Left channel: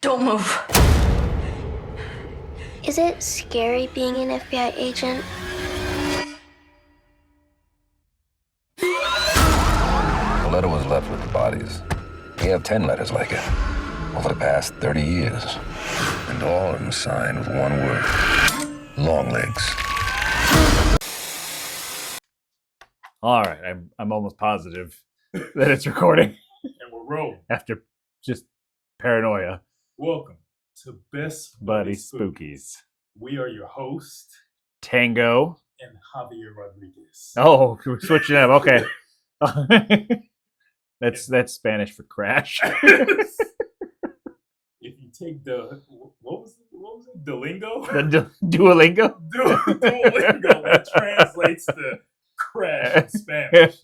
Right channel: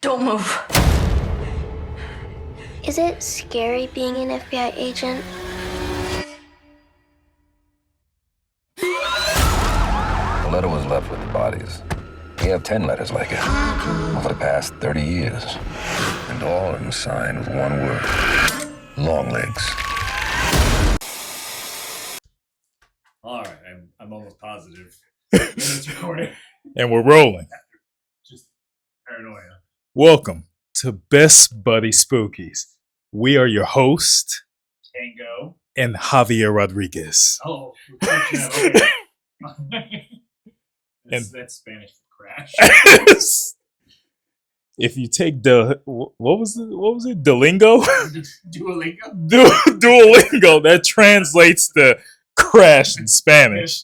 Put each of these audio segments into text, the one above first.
Don't move. Is it scary being an FBI agent? The letter was left with the bodies. We have 10 letters like it over the past 30 years. And all of them signed with one word. Longlegs. All right, I'm almost positive that it's recording And we're rolling. after just paranoia. Welcome to Best Buddy Buddy Spookies. We are your host Tango. and Javier Rodriguez. Oh, we're switching up. Okay. That's Spanish for crash. If you take the what was it? Duolingo? Duolingo. Duolingo that translates to crash in Spanish.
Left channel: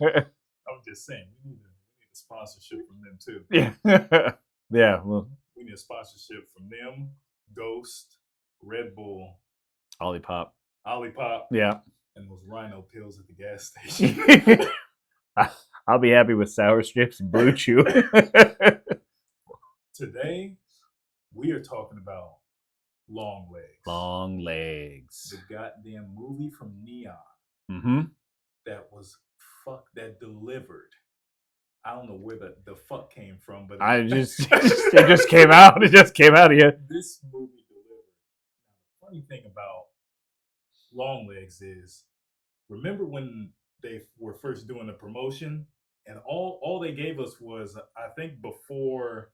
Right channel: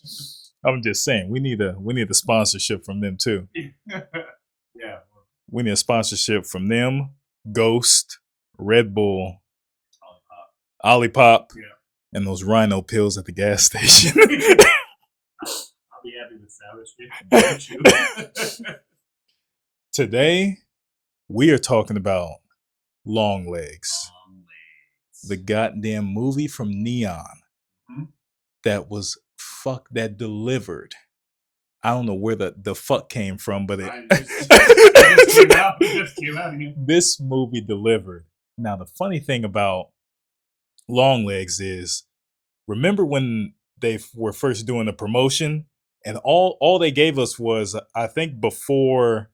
I'm just saying we need a sponsorship from them too. Yeah. Yeah. Well, We need a sponsorship from them, Ghost, Red Bull, Olipop, yeah. and those Rhino pills at the gas station. I'll be happy with sour strips and blue chew. Today, we are talking about Longlegs, Longlegs. the goddamn movie from Neon Mm-hmm. that delivered. I don't know where the fuck came from, but It just came out. It just came out of you. this movie delivered. Now, the funny thing about Longlegs is, remember when they were first doing the promotion, and all they gave us was, I think before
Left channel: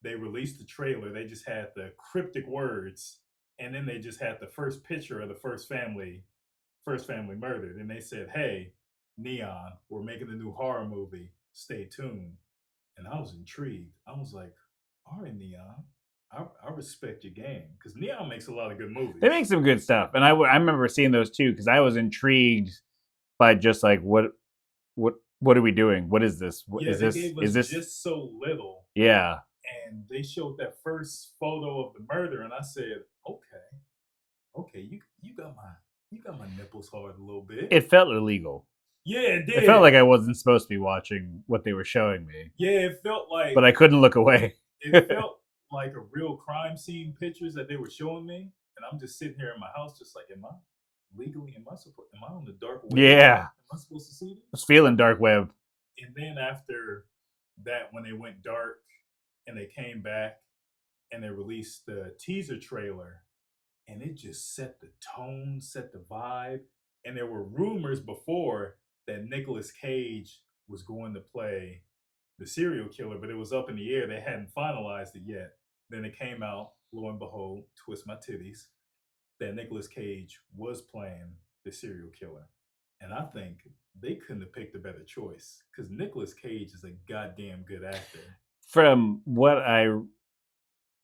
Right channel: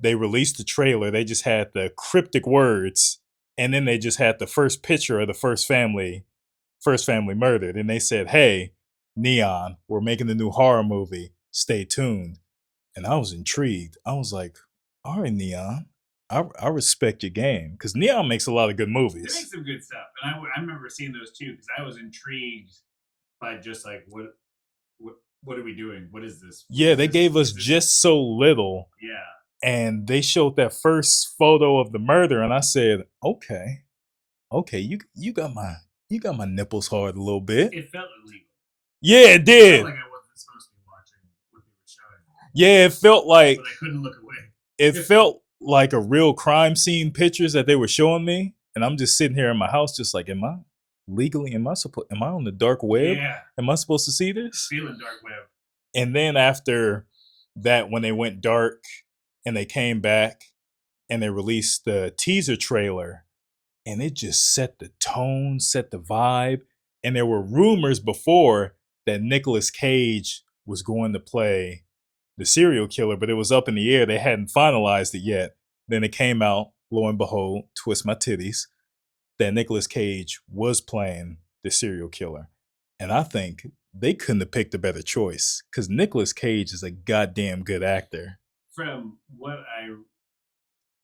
they released the trailer, they just had the cryptic words, and then they just had the first picture of the first family murdered, and they said, "Hey, Neon, we're making a new horror movie. Stay tuned." And I was intrigued. I was like, "All right, Neon, I respect your game," because Neon makes a lot of good movies. They make some good stuff, and I remember seeing those too because I was intrigued by just like what are we doing? What is this? They gave us just so little, yeah. and they showed that first photo of the murder, and I said, "Okay, you got my nipples hard a little bit." It felt illegal. Yeah, it did. It felt like I wasn't supposed to be watching what they were showing me. Yeah, it felt like, But I couldn't look away. it felt like a real crime scene pictures that they were showing me, and I'm just sitting here in my house, just like, am I on the dark web? Yeah. Am I supposed to see this? Feeling dark web. And then after that, when they went dark and they came back and they released the teaser trailer, and it just set the tone, set the vibe. And there were rumors before that Nicolas Cage was going to play the serial killer, but it was up in the air. They hadn't finalized it yet. Then it came out, lo and behold, twist my titties, that Nicolas Cage was playing the serial killer. And I think they couldn't have picked a better choice because Nicolas Cage is a goddamn good actor. From what I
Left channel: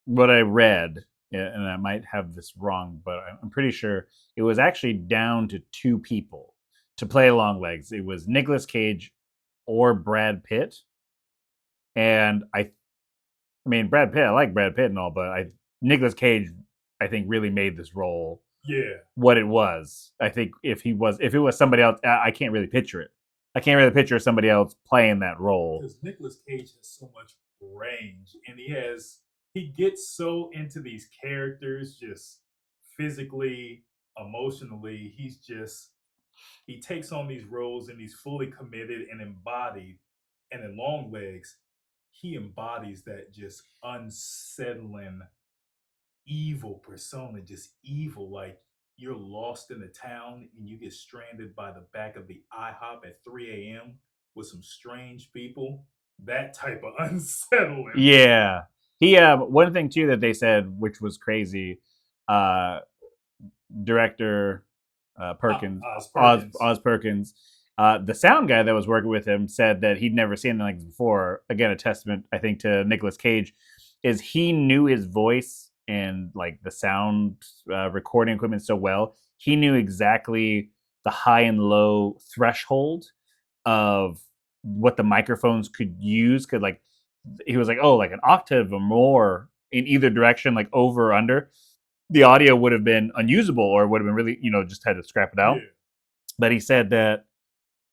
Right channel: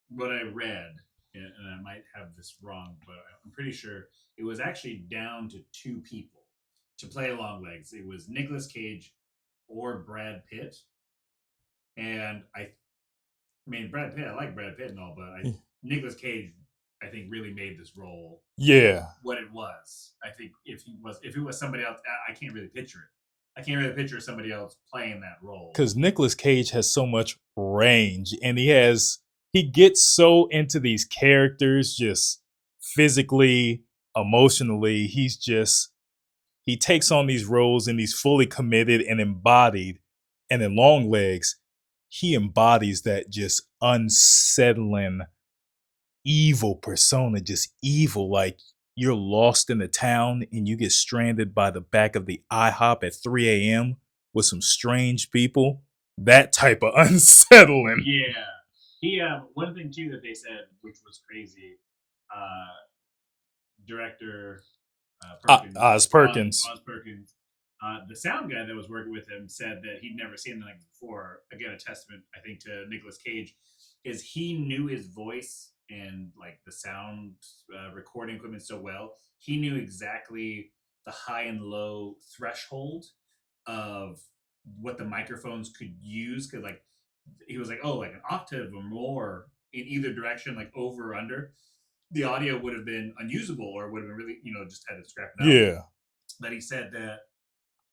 read, and I might have this wrong, but I'm pretty sure it was actually down to two people to play Longlegs. It was Nicolas Cage or Brad Pitt. And I mean, Brad Pitt, I like Brad Pitt and all, but Nicolas Cage, I think, really made this role what it was. I think if it was somebody else, I can't really picture it. I can't really picture somebody else playing that role. Because Nicolas Cage has so much range, and he gets so into these characters, just physically, emotionally. He takes on these roles and he's fully committed and embodied. And in Longlegs, he embodies that just unsettling, evil persona, just evil. Like, you're lost in the town and you get stranded by the back of the IHOP at 3 a.m. with some strange people. That type of unsettling. Yeah. He one thing too that they said, which was crazy, director Perkins, Oz Perkins. Oz Perkins, the sound guy that was working with him said that he'd never seen anything like this before. Again, a testament, I think, to Nicolas Cage, is he knew his voice and like the sound recording equipment so well. He knew exactly the high and low threshold of what the microphones could use. Could like, he was like, oh, like an octave or more in either direction, like over or under, the audio would have been unusable or would have been really, just had to scrap it out. Yeah. But he said that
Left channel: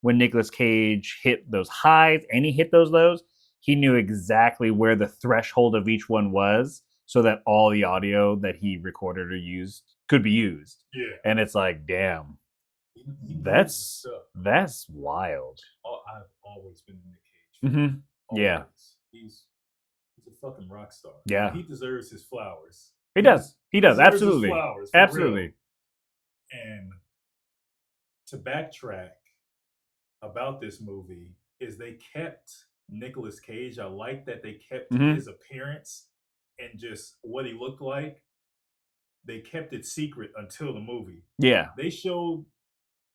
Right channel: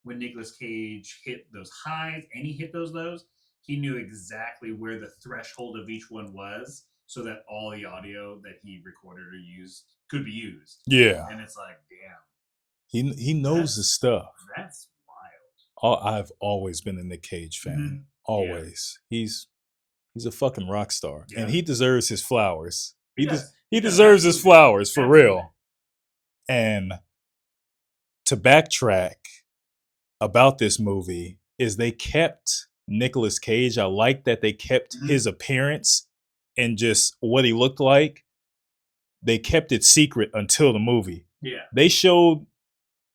when Nicolas Cage hit those highs and he hit those lows, he knew exactly where the threshold of each one was. so that all the audio that he recorded or used could be used. Yeah. And it's like, damn, He knows his stuff. That's wild. I've always been a Nick Cage fan. Yeah. Always. He's a fucking rock star. Yeah. And he deserves his flowers. He does. He does. deserves his Absolutely. flowers, for Absolutely. real. And to backtrack about this movie is they kept Nicolas Cage. I like that they kept his appearance and just what he looked like. They kept it secret until the movie. Yeah. They showed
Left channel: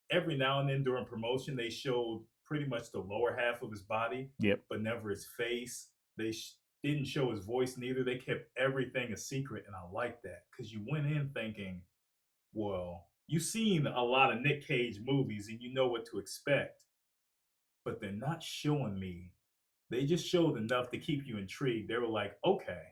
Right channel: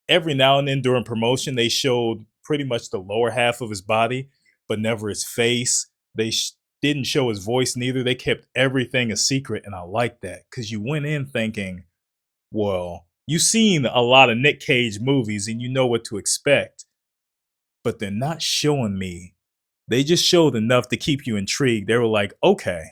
every now and then during promotion, they showed pretty much the lower half of his body, but never his face. They didn't show his voice neither. They kept everything a secret, and I like that because you went in thinking, well, you've seen a lot of Nick Cage movies and you know what to expect, but they're not showing me. They just showed enough to keep you intrigued. They were like, okay,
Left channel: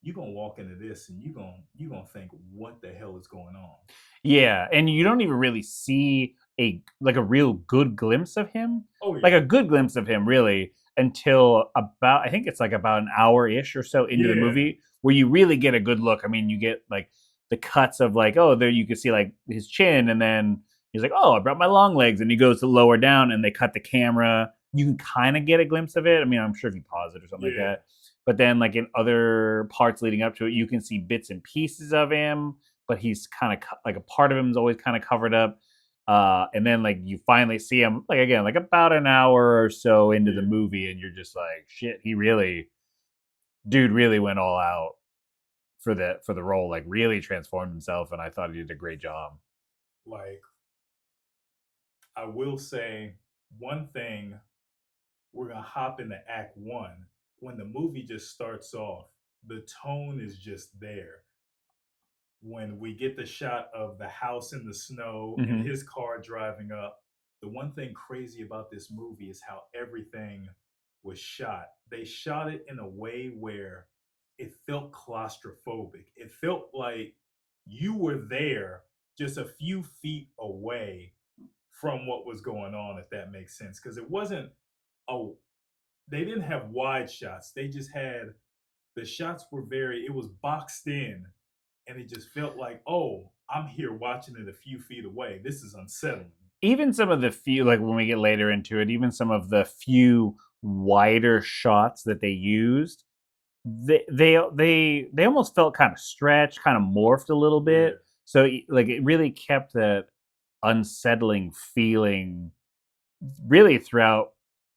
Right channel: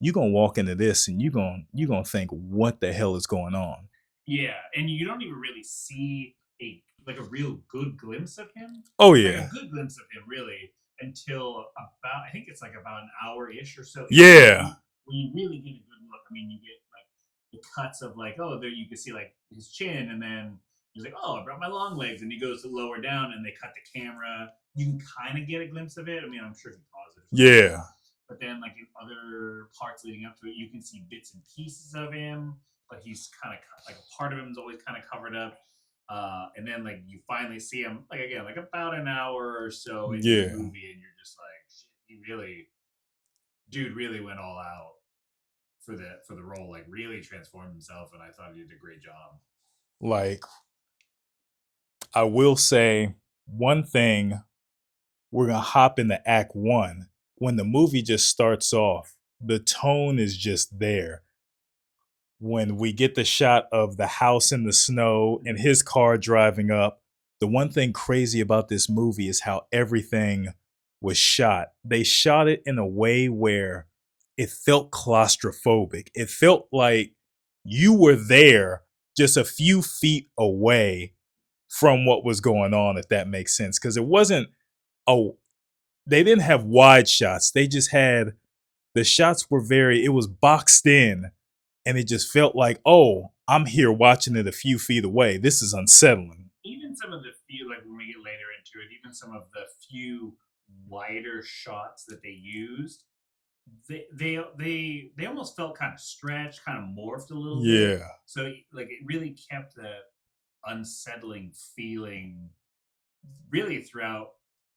you're going to walk into this and you're going to think, what the hell is going on? Yeah, and you don't even really see a real good glimpse of him. Oh, yeah. Like a good glimpse of him, really, until about, I think it's like about an hour-ish or so into the movie, where you really get a good look. I mean, you get like the cuts of like, oh, there you can see like his chin, and then he's like, oh, I brought my long legs, and he goes to lower down, and they cut the camera. You can kind of get a glimpse of it. I mean, I'm sure if you pause it or something like that. But then like in other parts leading up to it, you can see bits and pieces of him, but he's kind of like a part of him is always kind of covered up. And then like you finally see him like again, like about an hour or so into the movie, and you're just like, shit, dude really went all out for the role, like really transformed himself, and I thought he did a great job. Like, I will say one thing, we're gonna hop into Act 1. When the movie just starts off, the tone is just there. When we get the shot of the house in the snow and his car driving up, the one thing crazy about this movie is how everything was shot. They shot it in a way where it felt claustrophobic. It felt like you were there just a few feet away from what was going on, if that makes sense. Because it wasn't, they didn't have wide shots. They just had, the shots were it was boxed in. And it just felt like, oh, I'm here watching it a few feet away. This is unsettling. Even some of the few, like when we get later into it, even some of the few wider shots that they used, they almost felt kind of stretched, kind of morphed a little bit. So like it really kept that unsettling feeling really throughout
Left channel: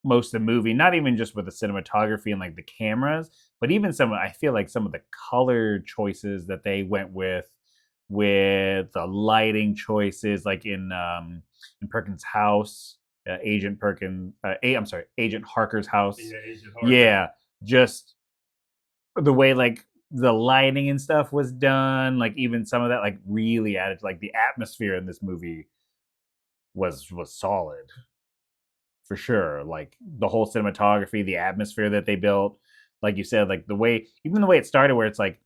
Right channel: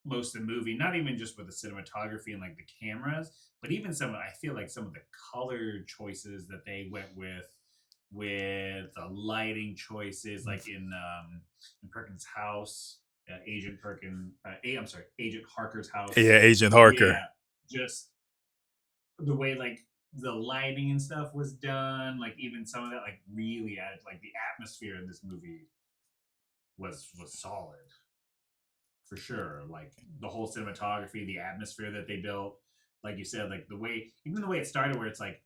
most of the movie, not even just with the cinematography and like the cameras, but even I feel like some of the color choices that they went with the lighting choices, like in Perkins' house, Agent Harker's house. Yeah, Agent Harker. Yeah, just the way like the lighting and stuff was done, like even some of that like really added to like the atmosphere in this movie was solid. For sure, like the whole cinematography, the atmosphere that they built, like you said, like the way it started, where it's like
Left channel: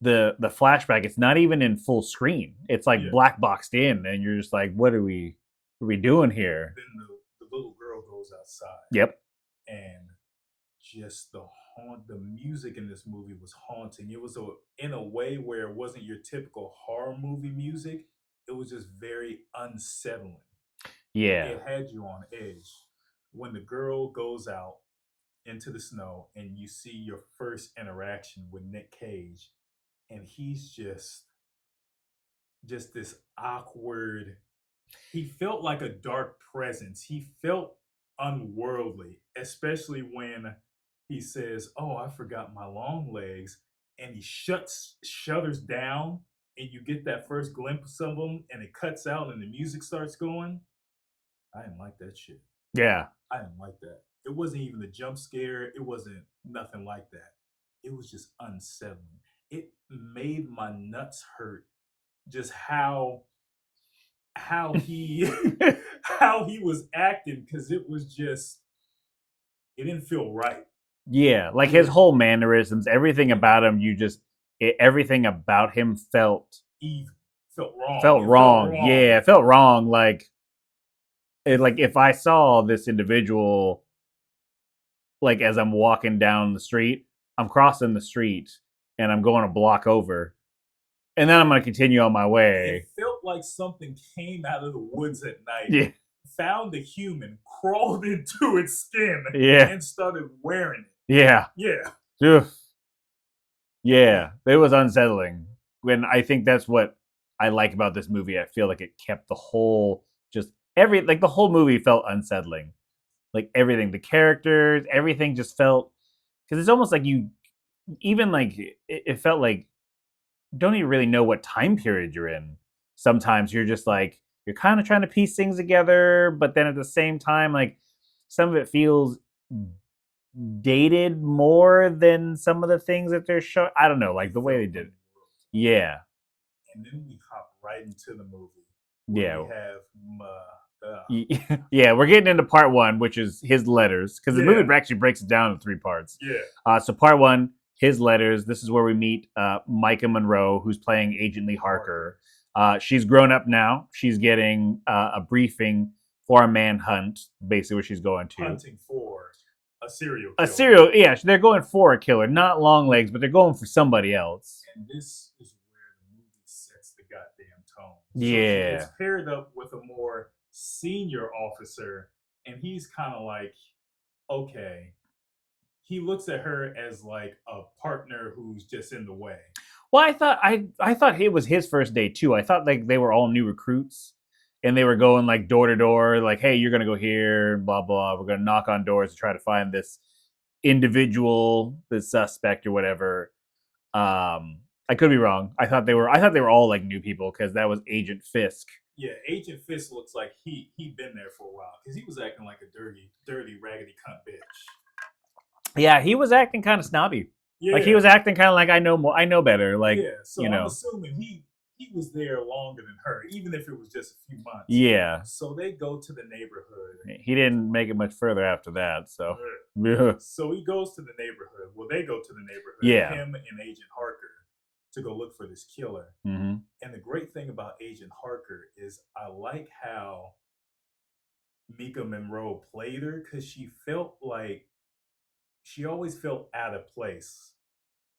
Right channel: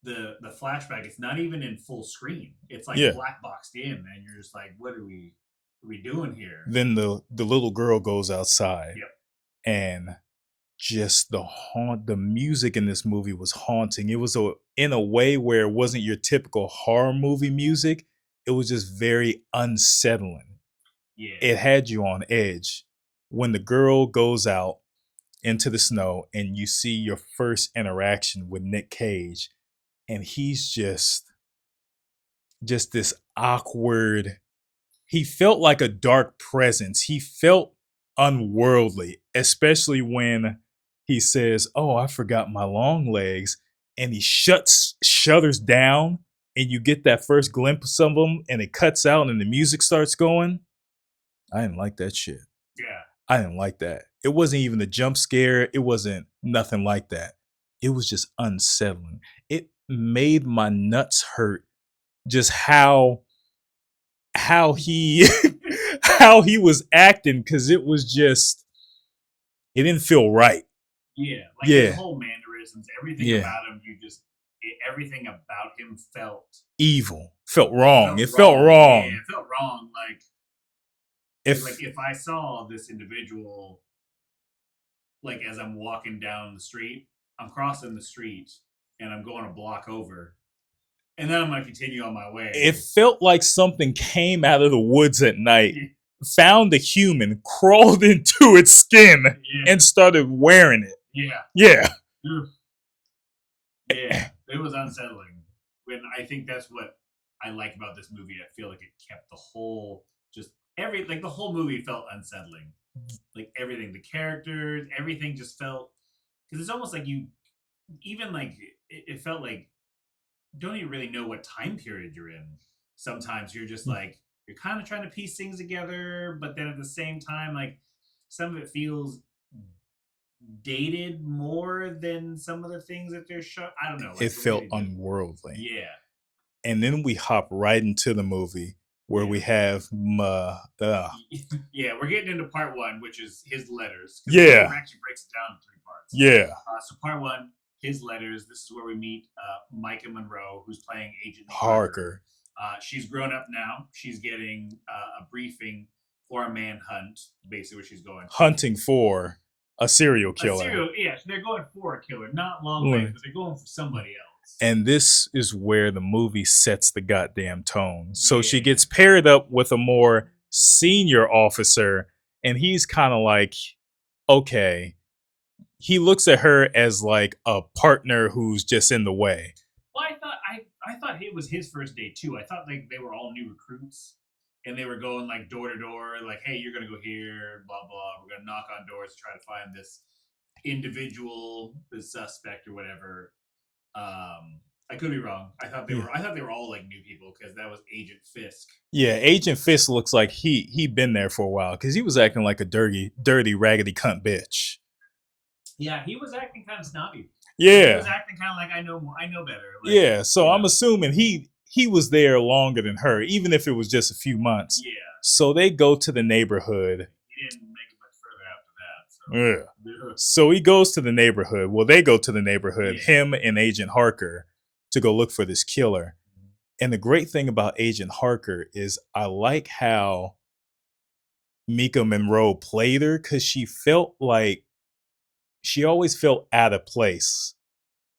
the flashback, it's not even in full screen, it's like black boxed in, and you're just like, what are we doing here? Then the little girl goes outside. Yep. And just the music in this movie was haunting. It was in a way where it wasn't your typical horror movie music. It was just very unsettling. Yeah. It had you on edge. When the girl goes out into the snow and you see your first interaction with Nick Cage, and he's just this awkward, he felt like a dark presence. He felt unworldly, especially when he says, oh, I forgot my long legs, and he shudders down, and you get that first glimpse of him, and it cuts out and the music starts going. I didn't like that shit. Yeah. I didn't like that. It wasn't even a jump scare. It wasn't nothing like that. It was just unsettling. It made my nuts hurt just how he how he was acting, because it was just, it didn't feel right. Yeah, like his whole mannerisms, everything about him, everything about him felt evil, felt wrong. It felt wrong. Yeah, it felt wrong. Like if I saw this individual, like as I'm walking down the street, I'm crossing the street and I'm going a block over, and then I'm going to continue on my way. It felt like something came out of the woods at night, Yeah. found a human, crawled into its skin, Yeah. and started wearing it. Yeah. Yeah. Ugh. Yeah. It was unsettling. When I think that's what I like about this movie. I feel like it kept the whole the whole movie felt unsettling. Like everything, the characters, everything just felt, because it's almost like you even like it felt like you don't even really know what time period you're in. Sometimes you're just like you're kind of trying to piece things together, but then at the same time, like some of it feels dated more than some of the things that they're showing. I don't know, like It the felt way they did. unworldly. Yeah, And then we hop right into the movie where we have yeah. We're getting into part one, which is his letters, because the movie actually breaks it down in 3 parts. Yeah. So part one, his letters. This is where we meet Micah Monroe, who's playing Agent Lee Harker. She's grown up now. She's getting a briefing for a manhunt, basically where she's going to. Hunting for a serial killer. Yeah, they're going for a killer, not Longlegs, but they're going for somebody else. And this is where the movie sets the goddamn tone. Yeah. So she gets paired up with a more senior officer, and he's kind of like, okay. He looks at her as like a partner who's just in the way. Well, I thought it was his first day too. I thought like they were all new recruits, and they were going like door to door, like, "Hey, you're gonna go here, blah blah. We're gonna knock on doors to try to find this individual, this suspect or whatever." I could be wrong. I thought they were all like new people, because that was Agent Fisk. Yeah, Agent Fisk looks like he'd been there for a while, because he was acting like a dirty, raggedy cunt bitch. Yeah, he was acting kind of snobby. Yeah, like, he was acting kind of like I know better. Like, yeah, so I'm assuming he was there longer than her, even if it was just a few months. Yeah. So they go to the neighborhood. He didn't make it much further after that. So yeah. So he goes to the neighborhood. Well, they go to the neighborhood. Yeah. Him and Agent Harker, to go look for this killer. Mm-hmm. And the great thing about Agent Harker is I like how Mika Monroe played her, because she always felt out of place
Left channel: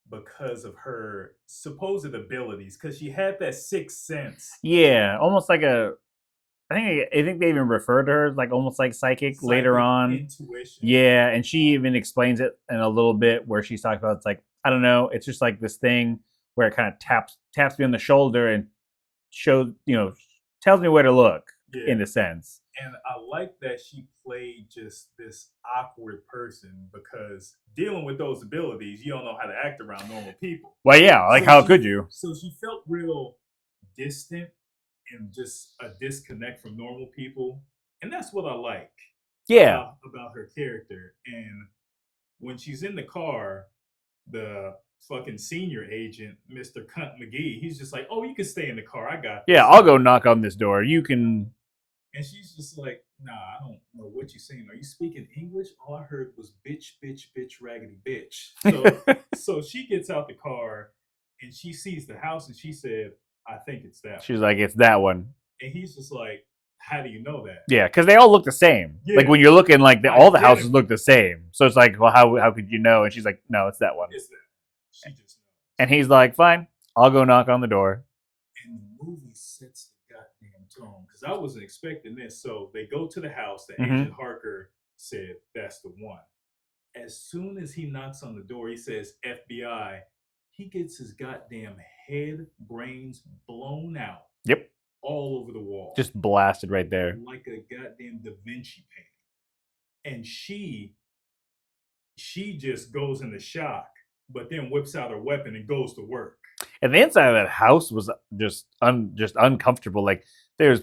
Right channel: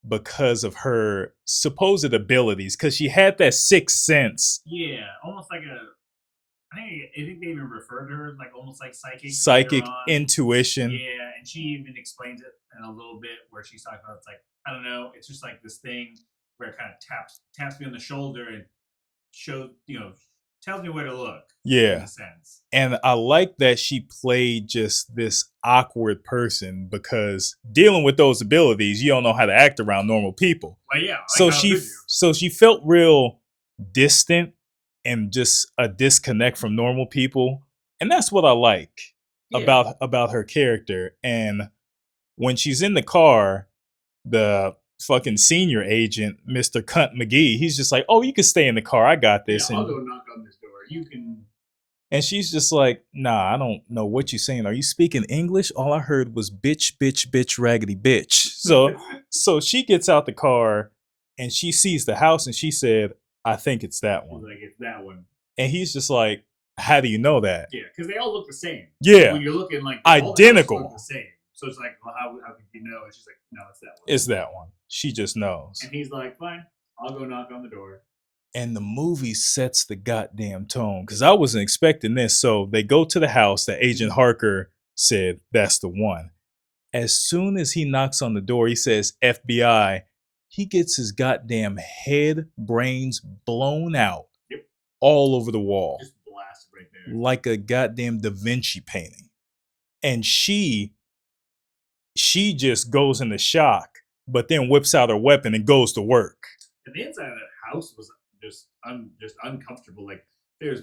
because of her supposed abilities, because she had that sixth sense. Yeah, almost like I think they even refer to her as like almost like psychic later on. Intuition. Yeah, and she even explains it in a little bit where she's talking about, it's like, I don't know, it's just like this thing where it kind of taps me on the shoulder and shows, tells me where to look. Yeah, in a sense. And I like that she played just this awkward person, because dealing with those abilities, you don't know how to act around normal people. Well, yeah, like, how could you? So she felt real distant and just a disconnect from normal people, and that's what I like about her character. And when she's in the car, the fucking senior agent, Mr. Cunt McGee, he's just like, "Oh, you can stay in the car. I got this." Yeah, I'll go knock on this door. You can. And she's just like, "Nah, I don't know what you're saying. Are you speaking English? All I heard was bitch, bitch, bitch, raggedy bitch." So she gets out the car and she sees the house and she said, "I think it's that one." She's like, "It's that one." And he's just like, "How do you know that?" Yeah, because they all look the same. Yeah. Like, when you're looking, like, all the houses look the same. So it's like, well, how could you know? And she's like, "No, it's that one. It's that one." She just knows. And he's like, "Fine, I'll go knock on the door." And the movie sets the goddamn tone, because I wasn't expecting this. So they go to the house that Agent Harker said, that's the one. As soon as he knocks on the door, he says, "FBI." He gets his goddamn head, brains blown out. Yep. All over the wall. Just blasted right there. Like a goddamn Da Vinci painting. And she just goes into shock, but then whips out her weapon and goes to work. And the inside of that house was just uncomfortable. Like, there's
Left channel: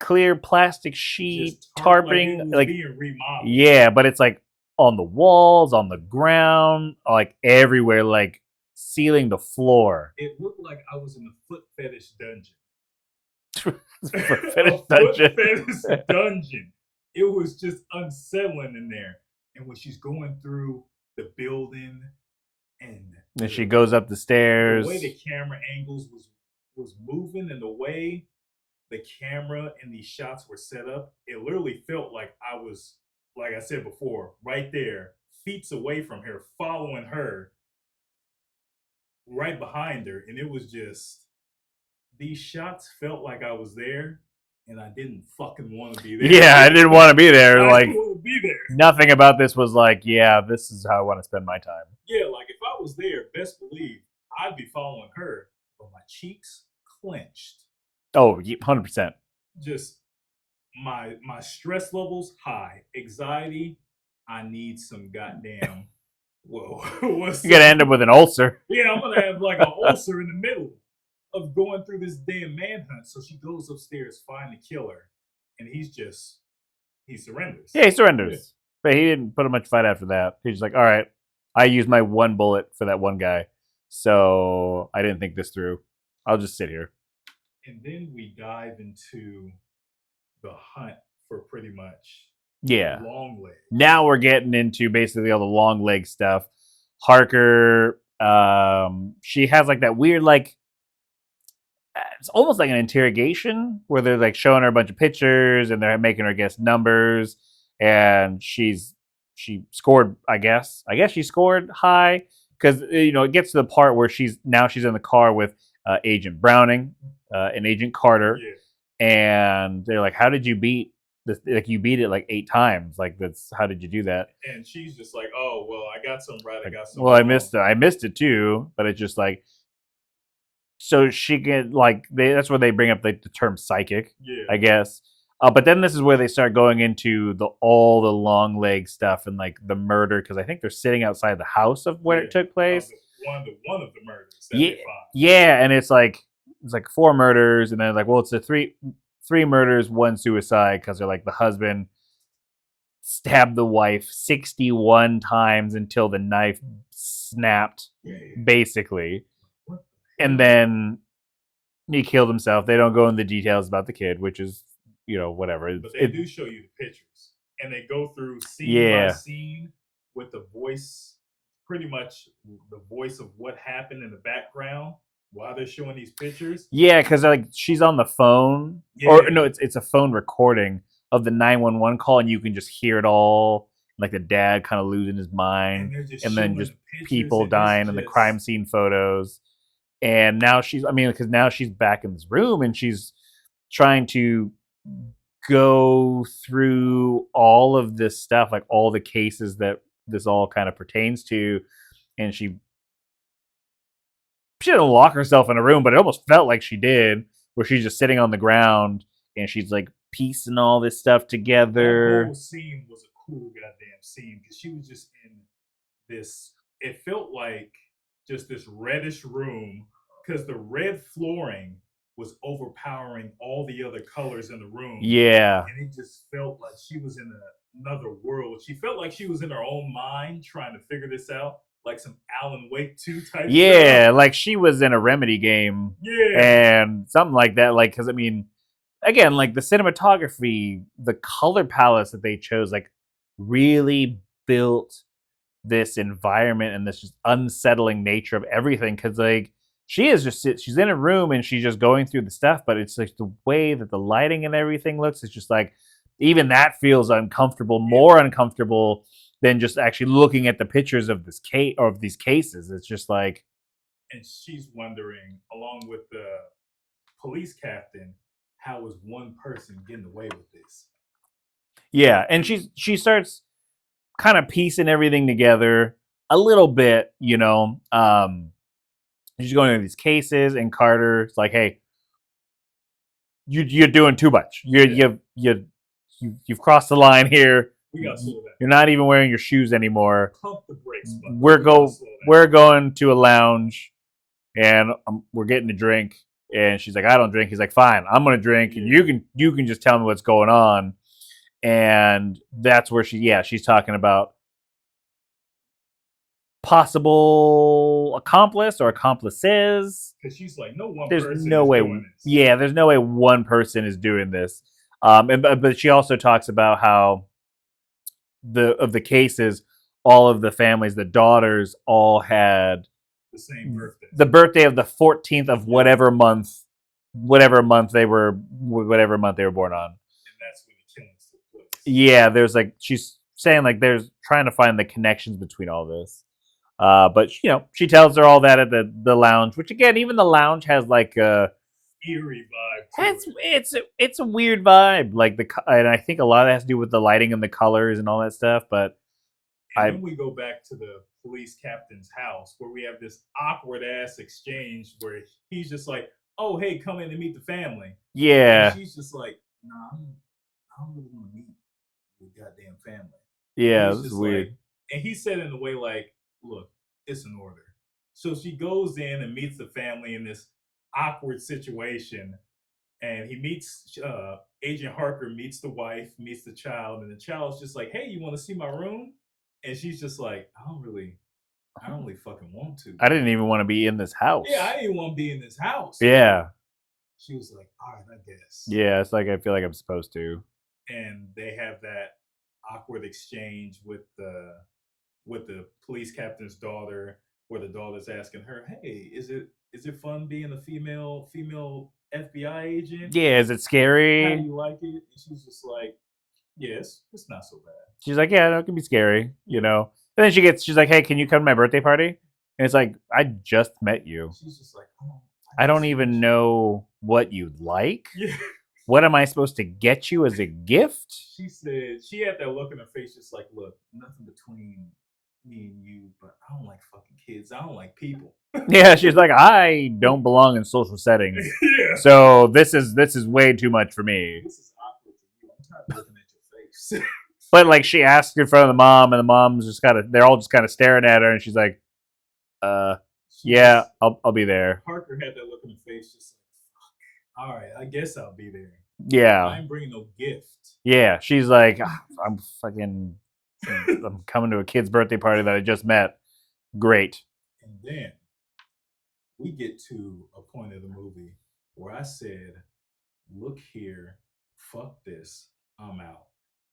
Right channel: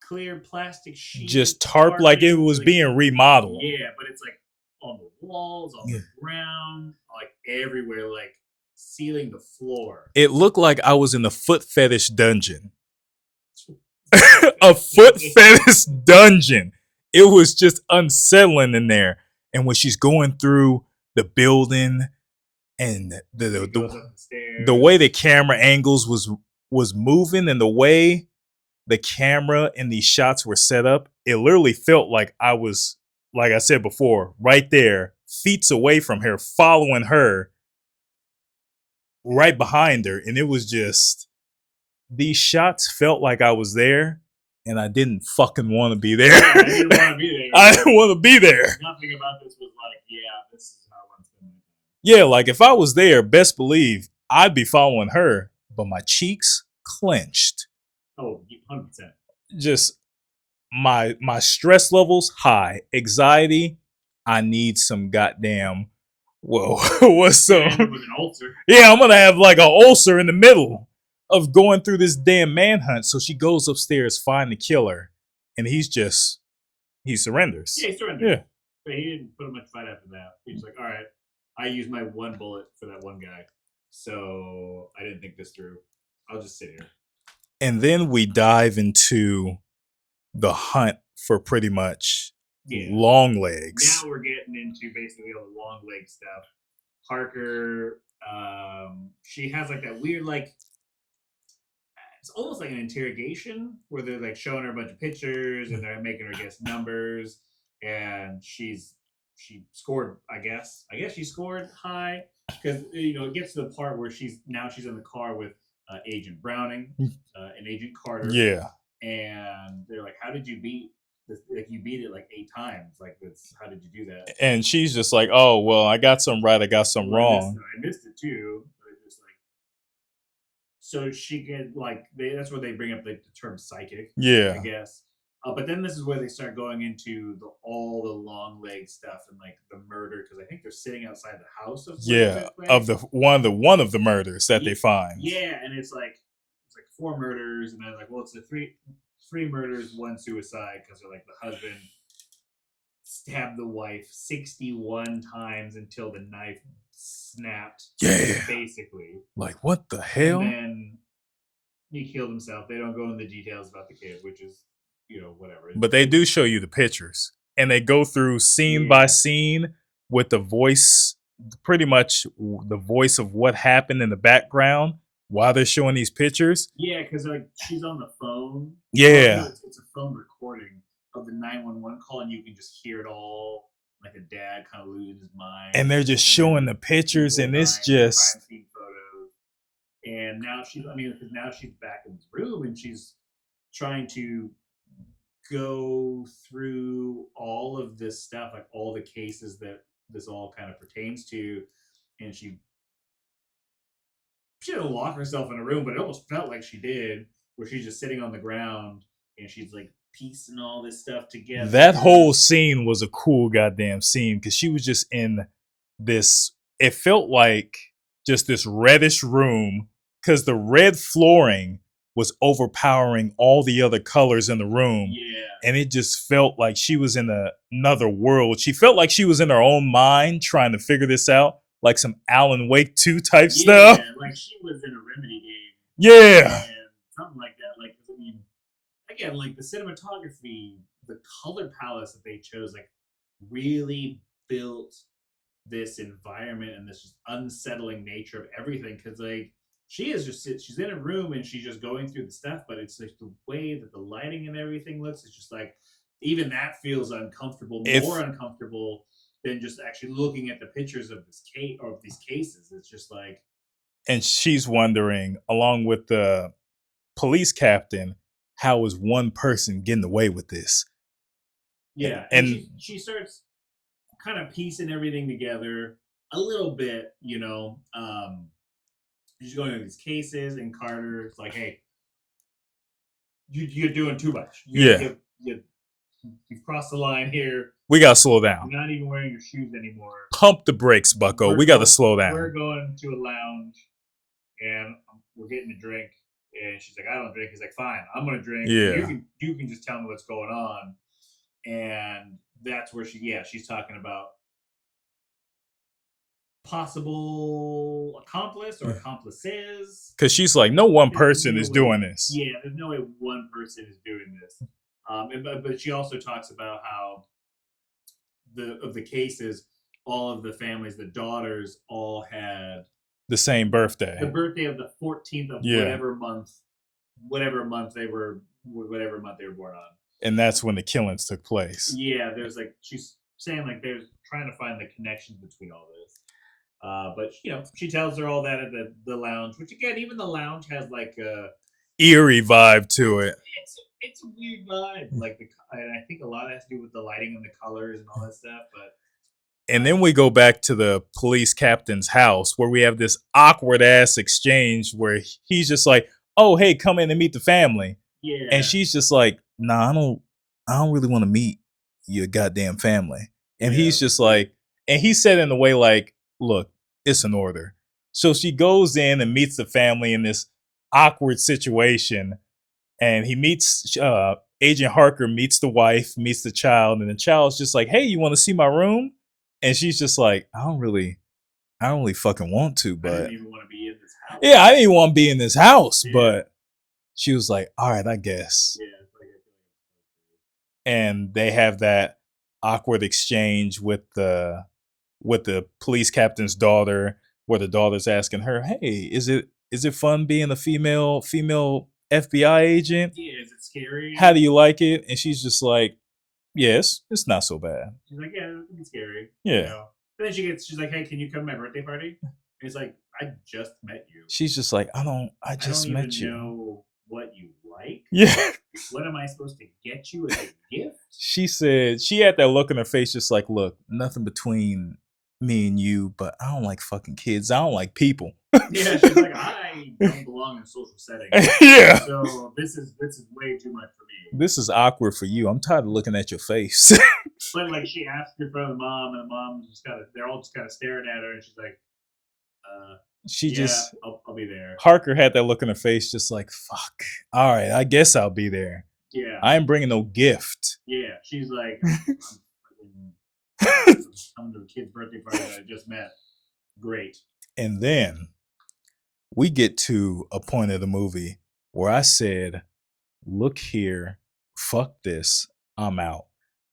clear plastic sheet, just tarp, like it was being remodeled. Yeah, but it's like on the walls, on the ground, like everywhere, like ceiling to floor. It looked like I was in a foot fetish dungeon. A foot fetish dungeon. It was just unsettling in there. And when she's going through the building, and she goes up the stairs, the way the camera angles was moving, and the way the camera and these shots were set up, it literally felt like I was, like I said before, right there, feet away from her, following her right behind her, and it was just these shots felt like I was there, and I didn't fucking want to be there. Yeah, I didn't want to be there. I like, didn't want to be there. Nothing about this was like, yeah, this is how I want to spend my time. Yeah, like if I was there, best believe I'd be following her, but my cheeks clenched. Oh, 100%. Just my stress levels high, anxiety. I need some goddamn. Whoa, what's You're gonna up? end up with an ulcer. Yeah, I'm gonna have like an ulcer in the middle of going through this damn manhunt. So she goes upstairs, find the killer, and he surrenders. Yeah, he surrenders. Yeah. But he didn't put up much fight after that. He's just like, all right, I used my one bullet for that one guy. So I didn't think this through. I'll just sit here. And then we dive into the hunt for pretty much Longlegs. Now we're getting into basically all the long leg stuff. Harker, she has like that weird, like, it's almost like an interrogation where they're like showing her a bunch of pictures and they're making her guess numbers. And she scored, I guess she scored high because, it gets to the part where she's in the car with Agent Browning and Agent Carter. Yeah. And they're like, how did you beat this? Like, you beat it like 8 times. Like, how did you do that? And she's just like, oh, well, I got some right, I got some wrong. I missed it too, but it's just like, so she can, like, that's where they bring up like the term psychic. Yeah. I guess. But then this is where they start going into all the long leg stuff and like the murder, because I think they're sitting outside the house of where it took place. Of one of the murders that they find. Yeah, and it's like 4 murders, and then like, well, it's a three murders, 1 suicide, because they're like the husband stabbed the wife 61 times until the knife snapped. Yeah. Basically. Like, what the hell? And then he killed himself. They don't go into the details about the kid, which is, whatever. But they do show you the pictures, and they go through scene by scene with the voice, pretty much the voice of what happened in the background while they're showing these pictures. Yeah, because like she's on the phone. Yeah. Or, no, it's a phone recording of the 911 call, and you can just hear it all. Like the dad kind of losing his mind. And they're just showing the pictures and dying, it's and the just crime scene photos. And now because now she's back in this room and she's trying to go through all of this stuff, like all the cases that this all kind of pertains to. And she didn't lock herself in a room, but it almost felt like she did, where she's just sitting on the ground and she's like piecing all this stuff together. That whole scene was a cool goddamn scene, because she was just in this, it felt like just this reddish room, because the red flooring was overpowering all the other colors in the room. Yeah. And it just felt like she was in another world. She felt like she was in her own mind trying to figure this out, like some Alan Wake 2 type stuff. Yeah, like she was in a Remedy game. Yeah. And something like that. Like, because I mean, again, like the cinematography, the color palettes that they chose, like really built this environment and this just unsettling nature of everything. Because like she's in a room and she's just going through the stuff, but it's like the way that the lighting and everything looks, it's just like, even that feels uncomfortable, more uncomfortable than just actually looking at the pictures of this case or of these cases. It's just like, and she's wondering, along with the police captain, how is one person getting away with this? Yeah, and she starts kind of piecing everything together a little bit, she's going into these cases, and Carter's like, "Hey, you're doing too much. You've crossed the line here. We gotta slow down. You're not even wearing your shoes anymore. Pump the brakes, Bucko. We gotta slow down. We're going to a lounge, and we're getting a drink." And she's like, "I don't drink." He's like, "Fine, I'm gonna drink. Yeah. You can just tell me what's going on." And that's where she's talking about possible accomplice or accomplices, because she's like, no one person is doing this. Yeah, there's no way one person is doing this. But she also talks about how of the cases, all of the families, the daughters all had the same birthday. The birthday of the 14th of whatever month they were born on. And that's when the killings took place. Yeah, there's like, she's saying like there's trying to find the connections between all this. But she tells her all that at the lounge, which again, even the lounge has like a Eerie vibe to it. it's a weird vibe. Like and I think a lot of that has to do with the lighting and the colors and all that stuff. But And then we go back to the police captain's house where we have this awkward ass exchange where he's just like, "Oh, hey, come in and meet the family." yeah, And she's just like, "Nah, I don't really want to meet your goddamn family." And yeah, he's just like, and he said in a way like, "Look, it's an order." So she goes in and meets the family in this awkward situation, and he meets Agent Harker meets the wife, meets the child, and the child's just like, "Hey, you want to see my room?" And she's just like, I don't really fucking want to. But I didn't even want to be in this house. yeah, I didn't want to be in this house. Yeah. But she was like, all right, I guess. Yeah, it's like I feel like I'm supposed to. And they have that awkward exchange with the police captain's daughter, where the daughter's asking her, "Hey, is it fun being a female FBI agent? Yeah, is it scary? How do you like it?" And she's just like, "Yes, it's not so bad." She's like, yeah, no, it can be scary. Yeah. And then she's like, hey, can you come to my birthday party? And it's like, I just met you. She's just like, I don't even know what you like. Yeah. What am I supposed to get you as a gift? She said she had that look in her face, just like, look, nothing between me and you, but I don't like fucking kids. I don't like people. Yeah, she's like, I don't belong in social settings. Yeah. So this is way too much for me. This is awkward for you. I'm tired of looking at your face. But like she asked in front of the mom, and the mom's just they're all just kind of staring at her, and she's like, I'll be there. Harker had that look in her face, just like, fuck. All right, I guess I'll be there. Yeah. I ain't bringing no gift. Yeah, she's like, I'm coming to a kid's birthday party that I just met. Great. And then we get to a point of the movie where I said, look here, fuck this, I'm out.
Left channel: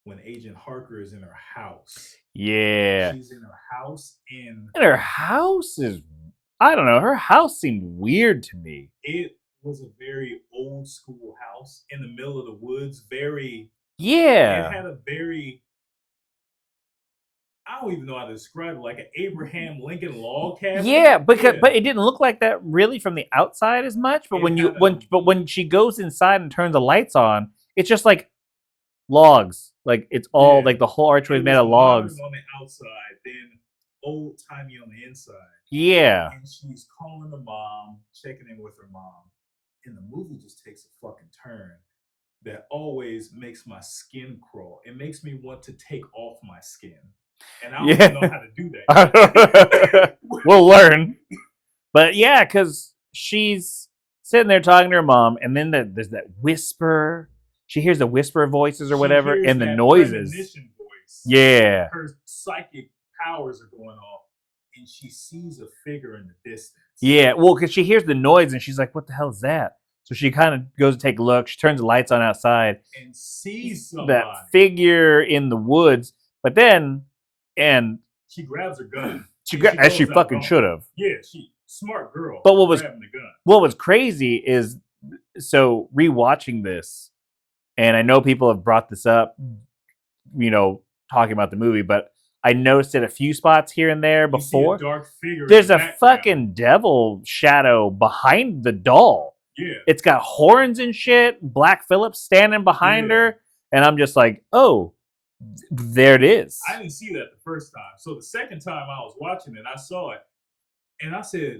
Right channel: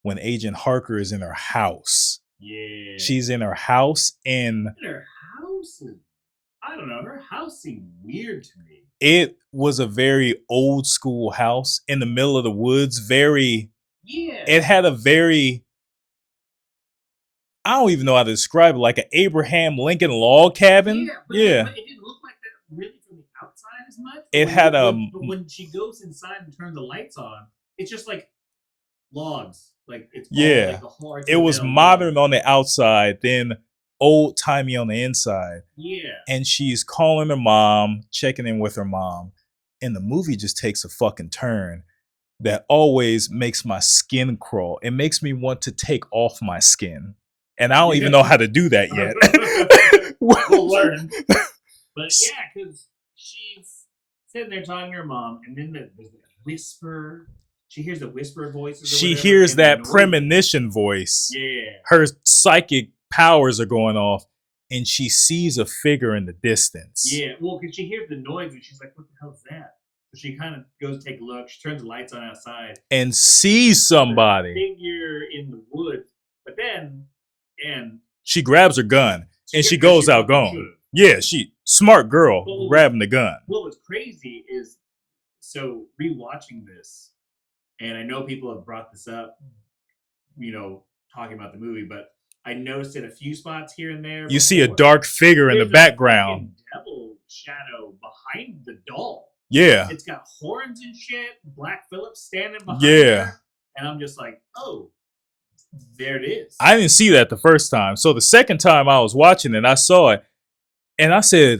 When Agent Harker is in her house. Yeah. She's in her house and her house is, I don't know, her house seemed weird to me. It was a very old school house in the middle of the woods. Yeah. It had a very, I don't even know how to describe it, like an Abraham Lincoln log cabin. Yeah, but it didn't look like that really from the outside as much. But when she goes inside and turns the lights on, it's just like logs. Like it's all like the whole archway. It was made of modern logs. on the outside, then old timey on the inside. Yeah. And she's calling her mom, checking in with her mom. And the movie just takes a fucking turn that always makes my skin crawl. It makes me want to take off my skin. And I don't even know how to do that yet. We'll learn. But yeah, because she's sitting there talking to her mom, and then there's that whisper. She hears the whisper voices or whatever. She hears and that the noises. premonition voice. Yeah. Her psychic powers are going off, and she sees a figure in the distance. Yeah, well, because she hears the noise, and she's like, what the hell is that? So she kind of goes to take a look. She turns the lights on outside. And sees somebody. That figure in the woods. But then, and she grabs her gun. And she goes out gone. Should have. Yeah, smart girl. But grabbing the gun. What was crazy is, so rewatching this, and I know people have brought this up, talking about the movie, but I noticed it a few spots here and there. You see a dark figure in the background. There's a fucking devil shadow behind the doll. Yeah. It's got horns and shit. Black Phillip standing behind her. And I'm just like, oh, there it is. I didn't see that the first time. So the second time I was watching it, I saw it. And I said,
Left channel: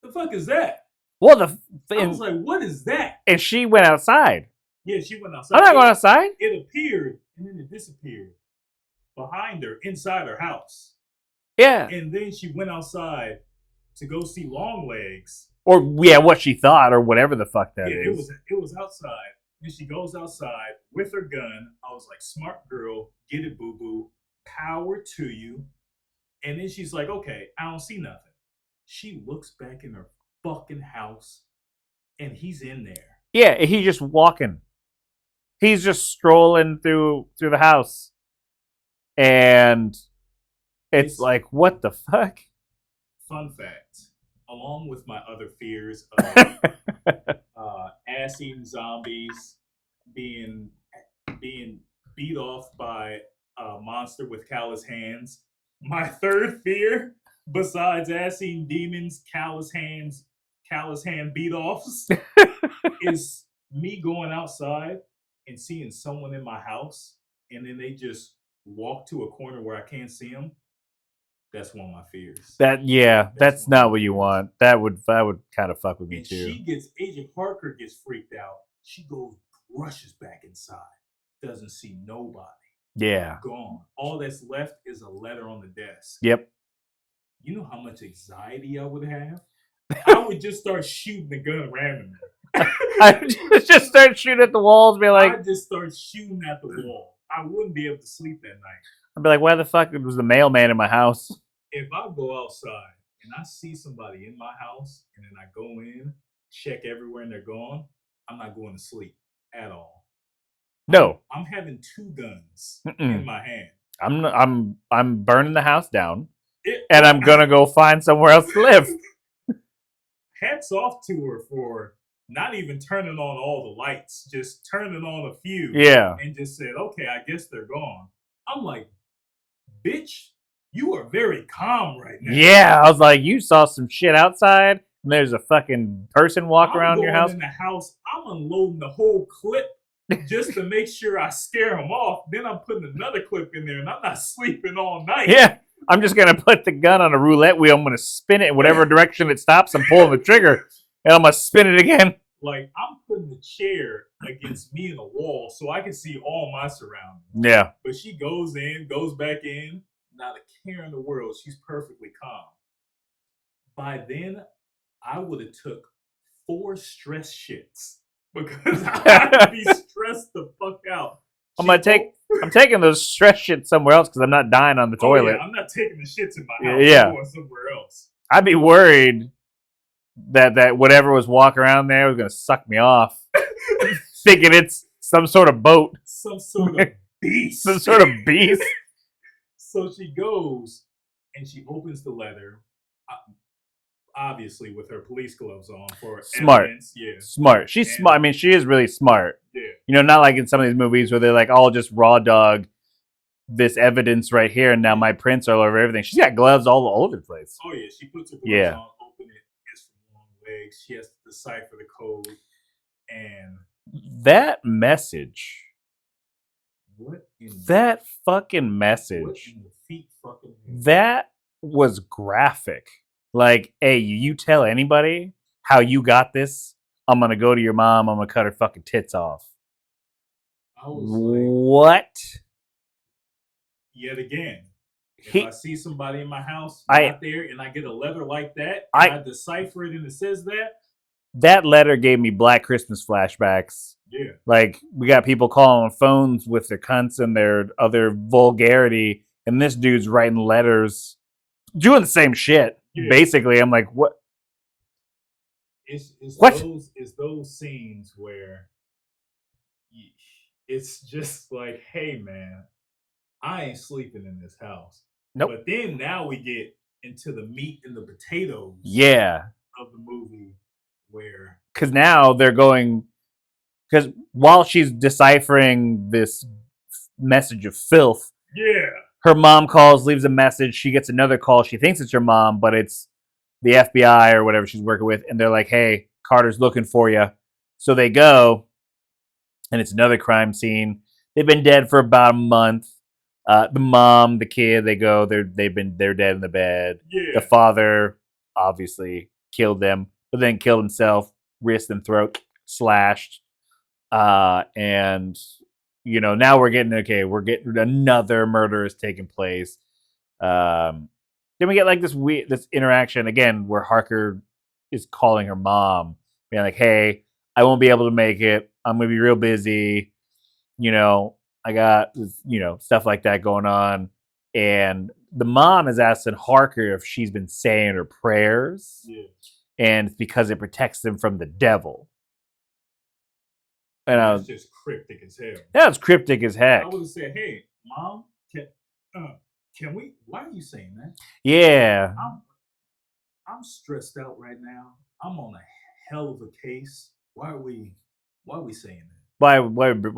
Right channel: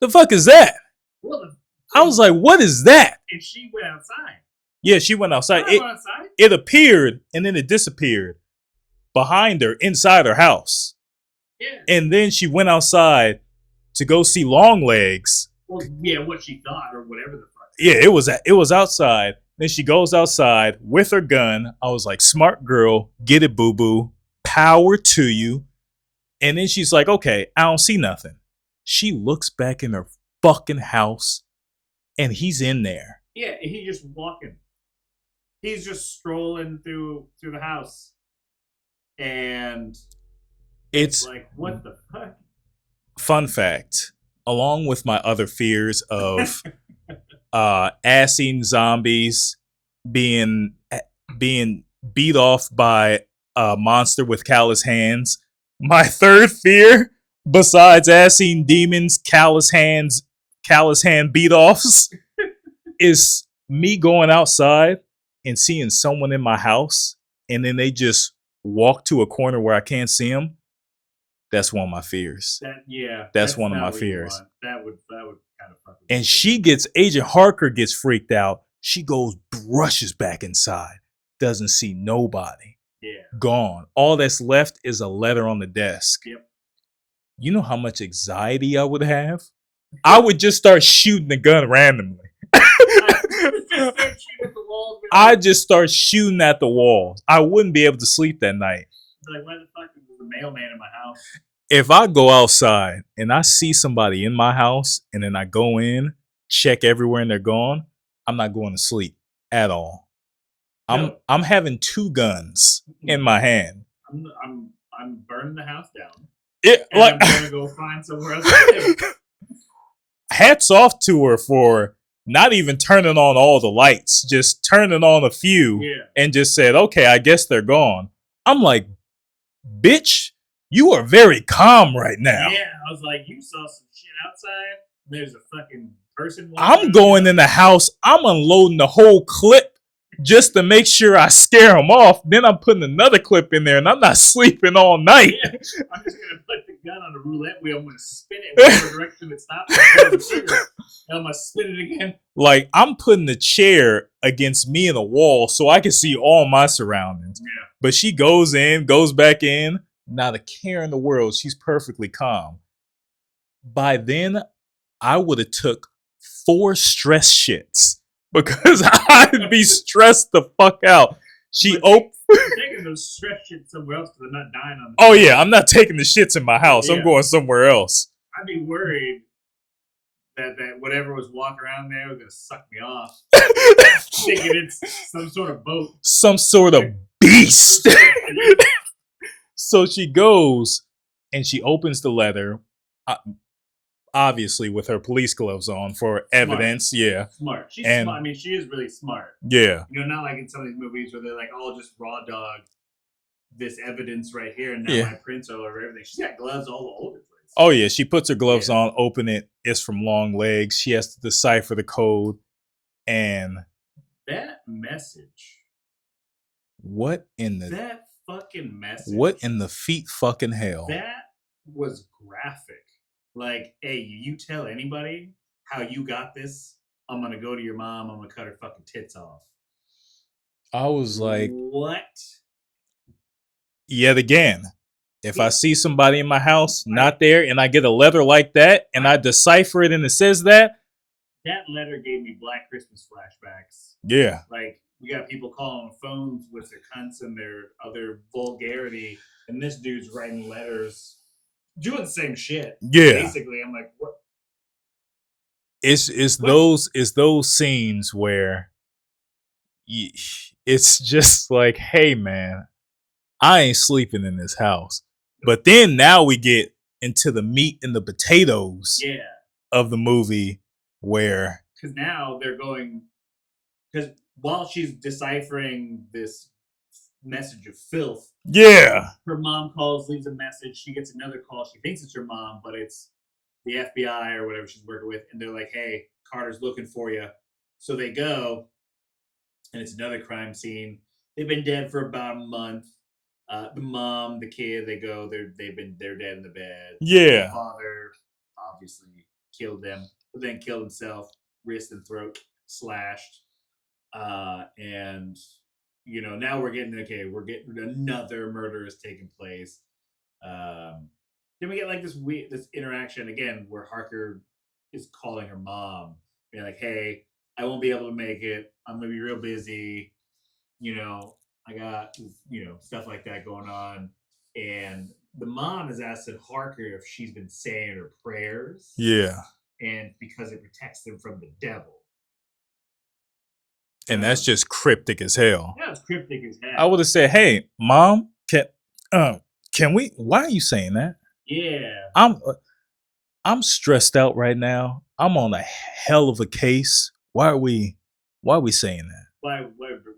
the fuck is that? Well, I was like, what is that? And she went outside. Yeah, she went outside. I'm not going outside. It appeared and then it disappeared behind her inside her house. Yeah. And then she went outside to go see Longlegs. Or what she thought or whatever the fuck that was. It was outside. Then she goes outside with her gun. I was like, smart girl, get it, boo-boo. Power to you. And then she's like, okay, I don't see nothing. She looks back in her fucking house and he's in there. Yeah, he's just walking. He's just strolling through the house. And it's like, what the fuck? Fun fact, along with my other fears of ass-eating zombies, being beat off by a monster with callous hands, my third fear besides ass-eating demons, callous hand beat offs, is me going outside and seeing someone in my house, and then they just walk to a corner where I can't see them. That's one of my fears. That's one of not my what you fears. want. That would kind of fuck with me. And too. Agent Harker gets freaked out. She goes, rushes back inside, doesn't see nobody. Yeah. Gone. All that's left is a letter on the desk. Yep. You know how much anxiety I would have? I would just start shooting the gun randomly. I just start shooting at the walls. Be like, I'd just start shooting at the walls. I wouldn't be able to sleep that night. I'd be like, why the fuck was the mailman in my house? If I go outside and I see somebody in my house and then I go in, check everywhere and they're gone, I'm not going to sleep at all. No. I'm having 2 guns in my hand. I'm burning the house down. And I'm gonna go find somewhere else to live. Hats off to her for not even turning on all the lights, just turning on a few. Yeah. And just said, okay, I guess they're gone. I'm like, bitch, you are very calm right now. Yeah, I was like, you saw some shit outside, and there's a fucking person walking around. I'm going in the house. I'm unloading the whole clip just to make sure I scare them off. Then I'm putting another clip in there, and I'm not sleeping all night. Yeah, I'm just going to put the gun on a roulette wheel. I'm going to spin it in whatever direction it stops and pull the trigger, and I'm going to spin it again. Like, I'm putting the chair against me in the wall so I can see all my surroundings. Yeah. But she goes in, goes back in, not a care in the world. She's perfectly calm. By then, I would have took 4 stress shits because I'd be stressed the fuck out. I'm taking those stress shits somewhere else because I'm not dying on the toilet. toilet. Oh, yeah. I'm not taking the shits in my house. Yeah. I'm going somewhere else. I'd be worried that whatever was walking around there was going to suck me off. Thinking it's some sort of boat. Some sort of beast. Some sort of beast. So she goes and she opens the letter, obviously with her police gloves on for evidence. Yeah. Smart. She's smart. I mean, she is really smart. Yeah. You know, not like in some of these movies where they're like, I'll just raw dog this evidence right here and now my prints are all over everything. She's got gloves all over the place. Oh, yeah. She puts her gloves on, open it. It's from Longlegs. She has to decipher the code. And that message. That fucking message. What in the feet fucking hell? That was graphic. Like, hey, you tell anybody how you got this, I'm going to go to your mom, I'm going to cut her fucking tits off. I was like, what? Yet again, if I see somebody in my house not there and I get a letter like that and I decipher it and it says that letter gave me Black Christmas flashbacks. Yeah. Like, we got people calling on phones with their cunts and their other vulgarity, and this dude's writing letters doing the same shit. Yeah. Basically, I'm like, what? It's those scenes where it's just like, hey, man, I ain't sleeping in this house. Nope. But then now we get into the meat and the potatoes of the movie where... Because now they're going... Because while she's deciphering this message of filth, her mom calls, leaves a message. She gets another call. She thinks it's her mom, but it's the FBI or whatever she's working with. And they're like, hey, Carter's looking for you. So they go, and it's another crime scene. They've been dead for about a month. The mom, the kid, they go, they're dead in the bed. Yeah. The father obviously killed them, but then killed himself, wrist and throat slashed. And you know, now we're getting another murder is taking place. Then we get like this interaction again where Harker is calling her mom, being like, hey, I won't be able to make it. I'm gonna be real busy. You know, I got, you know, stuff like that going on. And the mom is asking Harker if she's been saying her prayers. Yeah. And it's because it protects them from the devil. And that's just cryptic as hell. That's cryptic as hell. I would have said, hey, mom, can we, why are you saying that? Yeah. I'm stressed out right now. I'm on a hell of a case. Why are we saying that? Why? Why bring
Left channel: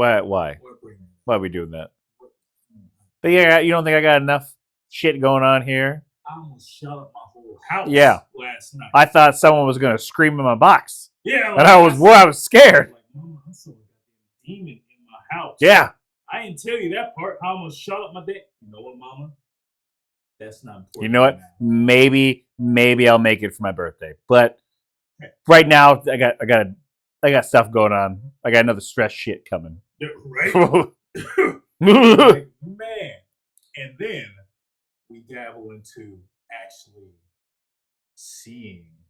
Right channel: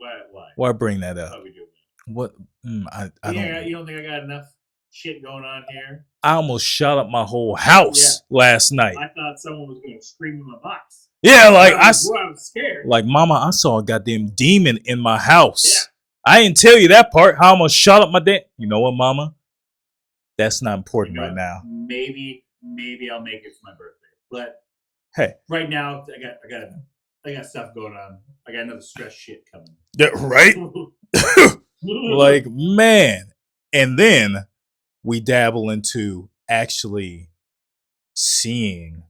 that up? Why are we doing that? What? You don't think I got enough shit going on here? I almost shot up my whole house last night. I thought someone was gonna scream in my box. Yeah, like I was scared. Like, Mama, I saw a goddamn demon in my house. Yeah. I didn't tell you that part. How I almost shot up my damn. You know what, Mama? That's not important You know right what? now. Maybe I'll make it for my birthday. But hey, right now I got stuff going on. I got another stress shit coming. Yeah, right? Like, man. And then we dabble into actually seeing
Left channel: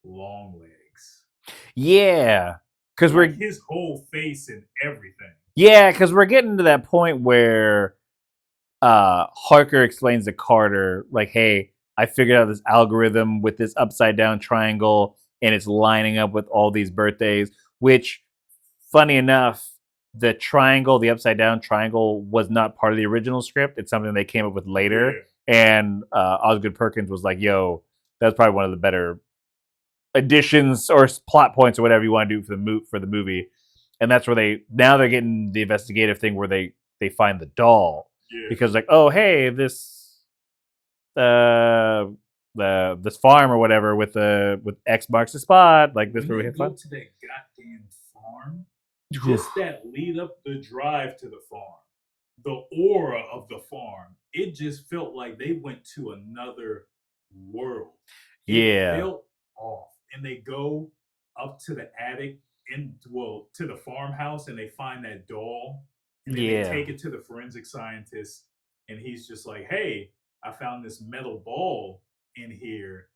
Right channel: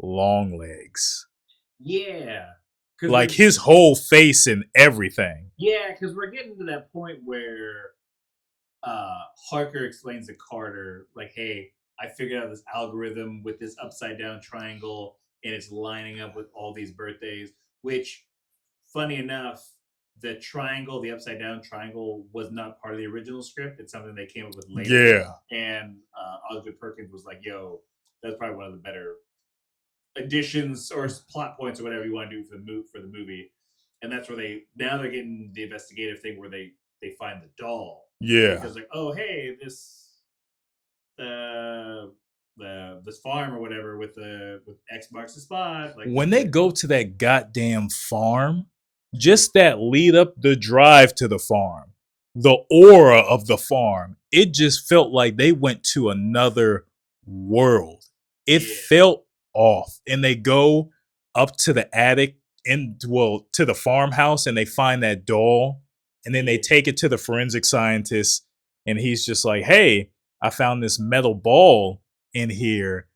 Longlegs. Yeah. Cause like his whole face and everything. Yeah, because we're getting to that point where Harker explains to Carter, like, hey, I figured out this algorithm with this upside down triangle and it's lining up with all these birthdays, which, funny enough, the upside down triangle was not part of the original script. It's something they came up with later. Yeah. And Osgood Perkins was like, yo, that's probably one of the better additions or plot points or whatever you want to do for the movie. And that's where they're getting the investigative thing where they find the doll. Yeah. Because like, oh hey, this this farm or whatever with X marks the spot. Like when they go to that goddamn farm, just that lead up the drive to the farm, the aura of the farm, it just felt like they went to another world. It felt off. And they go up to the attic to the farmhouse and they find that doll. And then they take it to the forensic scientist and he's just like, hey, I found this metal ball in here.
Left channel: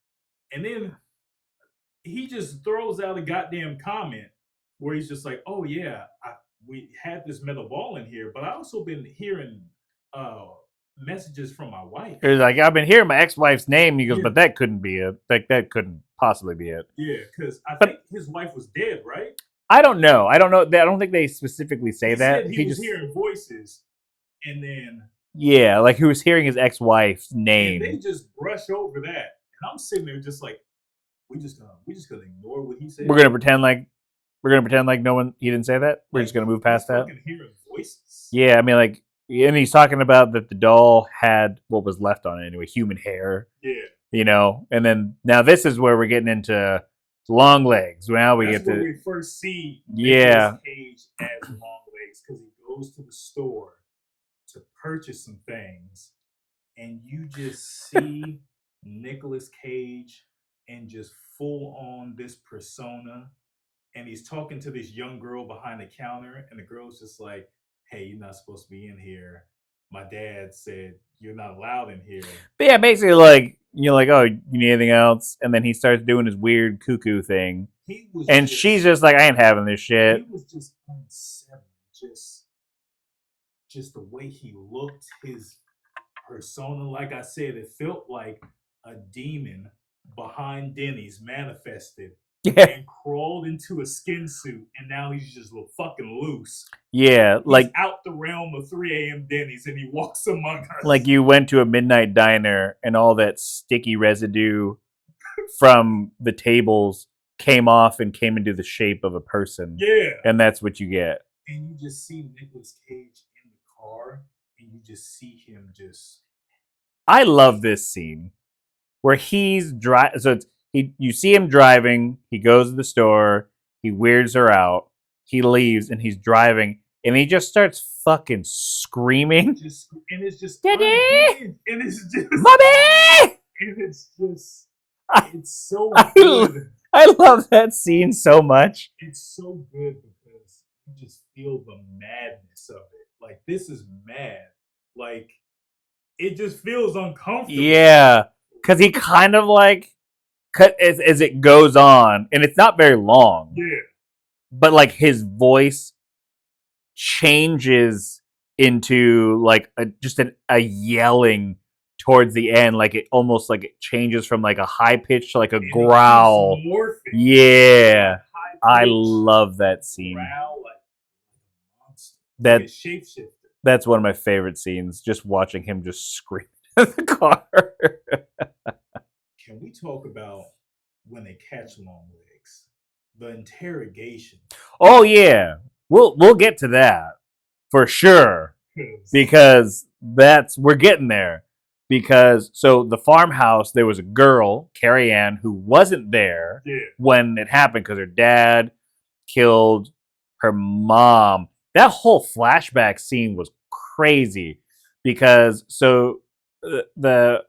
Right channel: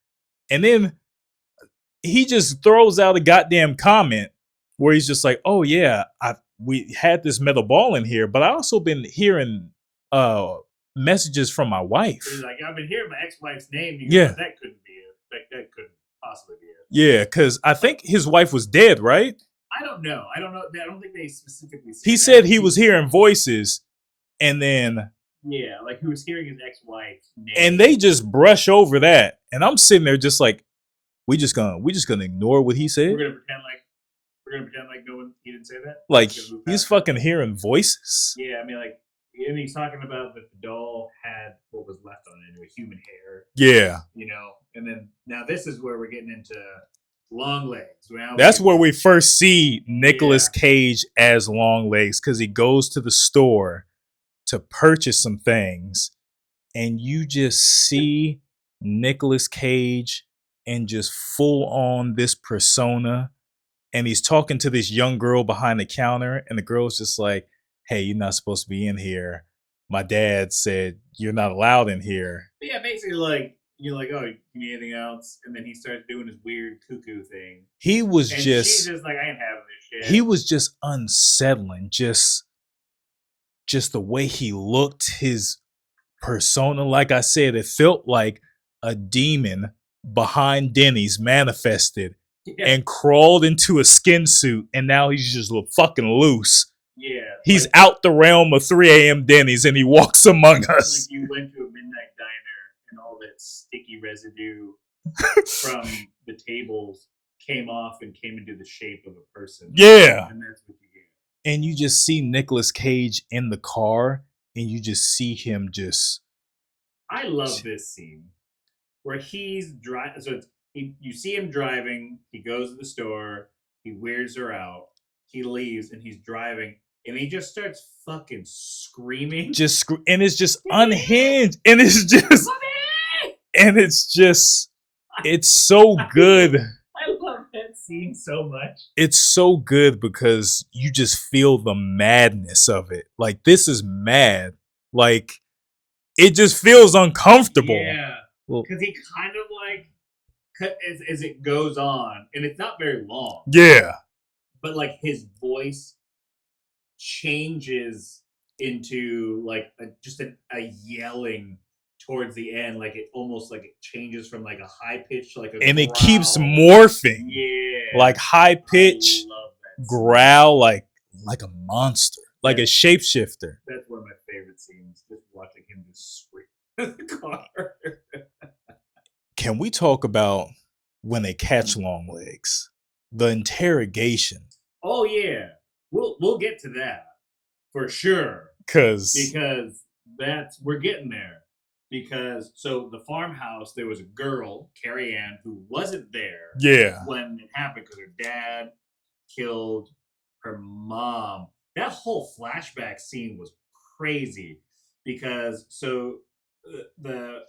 And then he just throws out a goddamn comment where he's just like, oh yeah, we had this metal ball in here, but I also been hearing messages from my wife. He's like, I've been hearing my ex-wife's name. You go, but that couldn't be it. Like that couldn't possibly be it. Yeah, because I think his wife was dead, right? I don't know. I don't think they specifically say that. He said he was hearing voices, and then like he was hearing his ex-wife's name, and they just brush over that. And I'm sitting there just like, we just gonna ignore what he said. We're gonna pretend like no one. He didn't say that. Like he's gonna move past. He's fucking hearing voices. Yeah, I mean, like, and he's talking about that the doll had what was left on it anyway, human hair. Yeah, you know. And then now this is where we're getting into Longlegs. That's where we first see Nicolas Cage as Longlegs, because he goes to the store to purchase some things, and you just see Nicolas Cage and just full on this persona, and he's talking to this young girl behind the counter, and the girl's just like, hey, you're not supposed to be in here. My dad said you're not allowed in here. But yeah, basically like, you're like, oh, you need anything else? And then he starts doing his weird cuckoo thing. She's just like, I ain't having this shit. He was just unsettling. Just the way he looked, his persona. Like I said, it felt like a demon behind Denny's manifested and crawled into a skin suit, and now he's just fucking loose. Yeah, he's out the realm of 3 a.m. Denny's, and he walks among us. Like you went to a midnight diner, and all that sticky residue from the tables came off and came into the shape of a person. Yeah, and that's what you get. And you just see Nicolas Cage in the car, and you just see him just. I love this scene where he's driving. So you see him driving. He goes to the store. He weirds her out. He leaves and he's driving and he just starts fucking screaming. And it's just unhinged. And it's just Mommy! And it's just it's so good. I love that scene so much. It's so good because you just feel the madness of it. Like, this is mad. Like, it just feels uncomfortable. Yeah. Because he kind of like as it goes on, and it's not very long. Yeah. But like his voice changes into like just a yelling towards the end, like it almost like it changes from like a high pitch to like a and growl. And it keeps morphing. Yeah, like high pitch. I love that growl, scene. like a monster, like a shapeshifter. That's one of my favorite scenes. Just watching him just scream at the car. Can we talk about when they catch Longlegs? The interrogation. Oh yeah, we'll get to that for sure. Because we're getting there. because so the farmhouse, there was a girl, Carrie Ann, who wasn't there Yeah. when it happened because her dad killed her mom. That whole flashback scene was crazy because the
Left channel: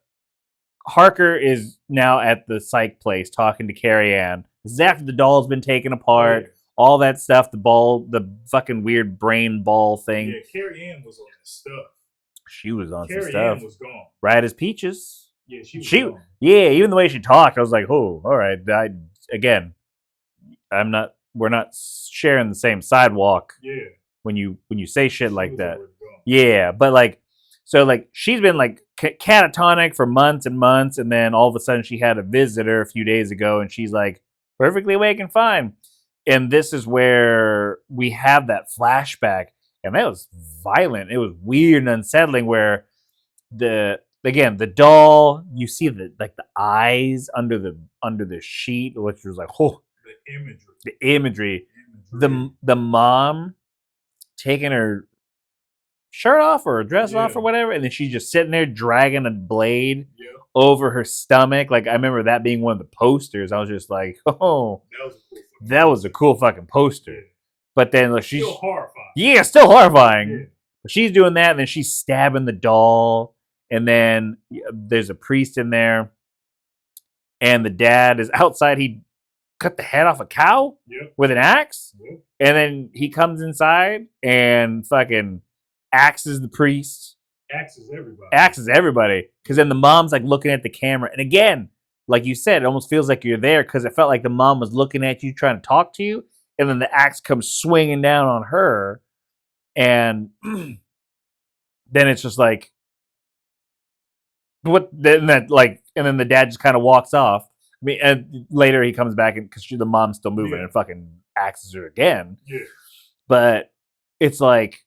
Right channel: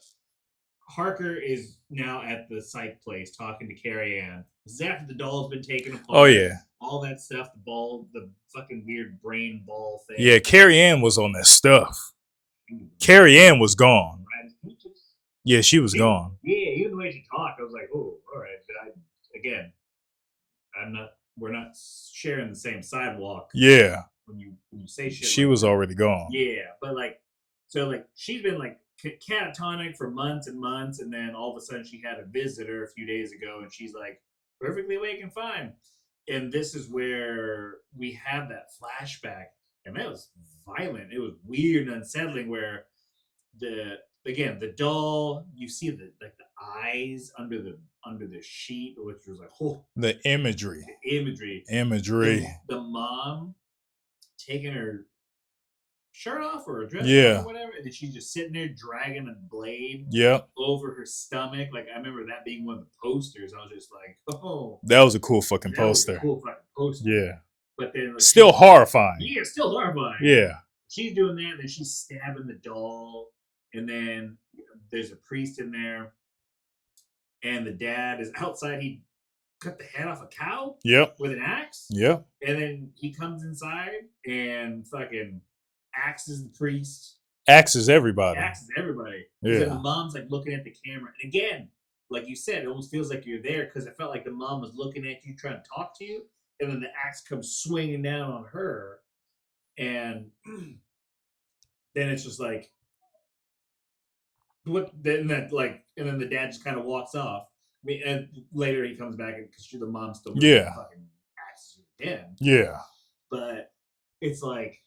Harker is now at the psych place talking to Carrie Ann. This is after the doll's been taken apart. Oh, yeah. All that stuff, the fucking weird brain ball thing. Yeah, Carrie Ann was on that stuff. She was on. Carrie Ann was gone. Bright as peaches. Yeah, she was gone. Yeah, even the way she talked, I was like, oh, all right. We're not sharing the same sidewalk. Yeah. When you say shit like that. She was already gone. Yeah, but she's been like catatonic for months and months, and then all of a sudden she had a visitor a few days ago, and she's like perfectly awake and fine. And this is where we have that flashback, and that was violent. It was weird and unsettling. Where the doll, you see the eyes under the sheet, which was like, oh, the imagery, the mom taking her shirt off or a dress off or whatever, and then she's just sitting there dragging a blade over her stomach. Like, I remember that being one of the posters. I was just like, oh, that was a cool fucking poster. Was a cool fucking poster. Yeah. But then still horrifying. Yeah, still horrifying. Yeah. But she's doing that, and then she's stabbing the doll, and then there's a priest in there, and the dad is outside. He cut the head off a cow with an axe. Yep. And then he comes inside and fucking axes the priest. Axes everybody. Because then the mom's like looking at the camera. And again, like you said, it almost feels like you're there because it felt like the mom was looking at you, trying to talk to you. And then the axe comes swinging down on her. And then it's just like, and then the dad just kind of walks off. I mean, and later he comes back because the mom's still moving and fucking axes her again. Yeah. But it's like,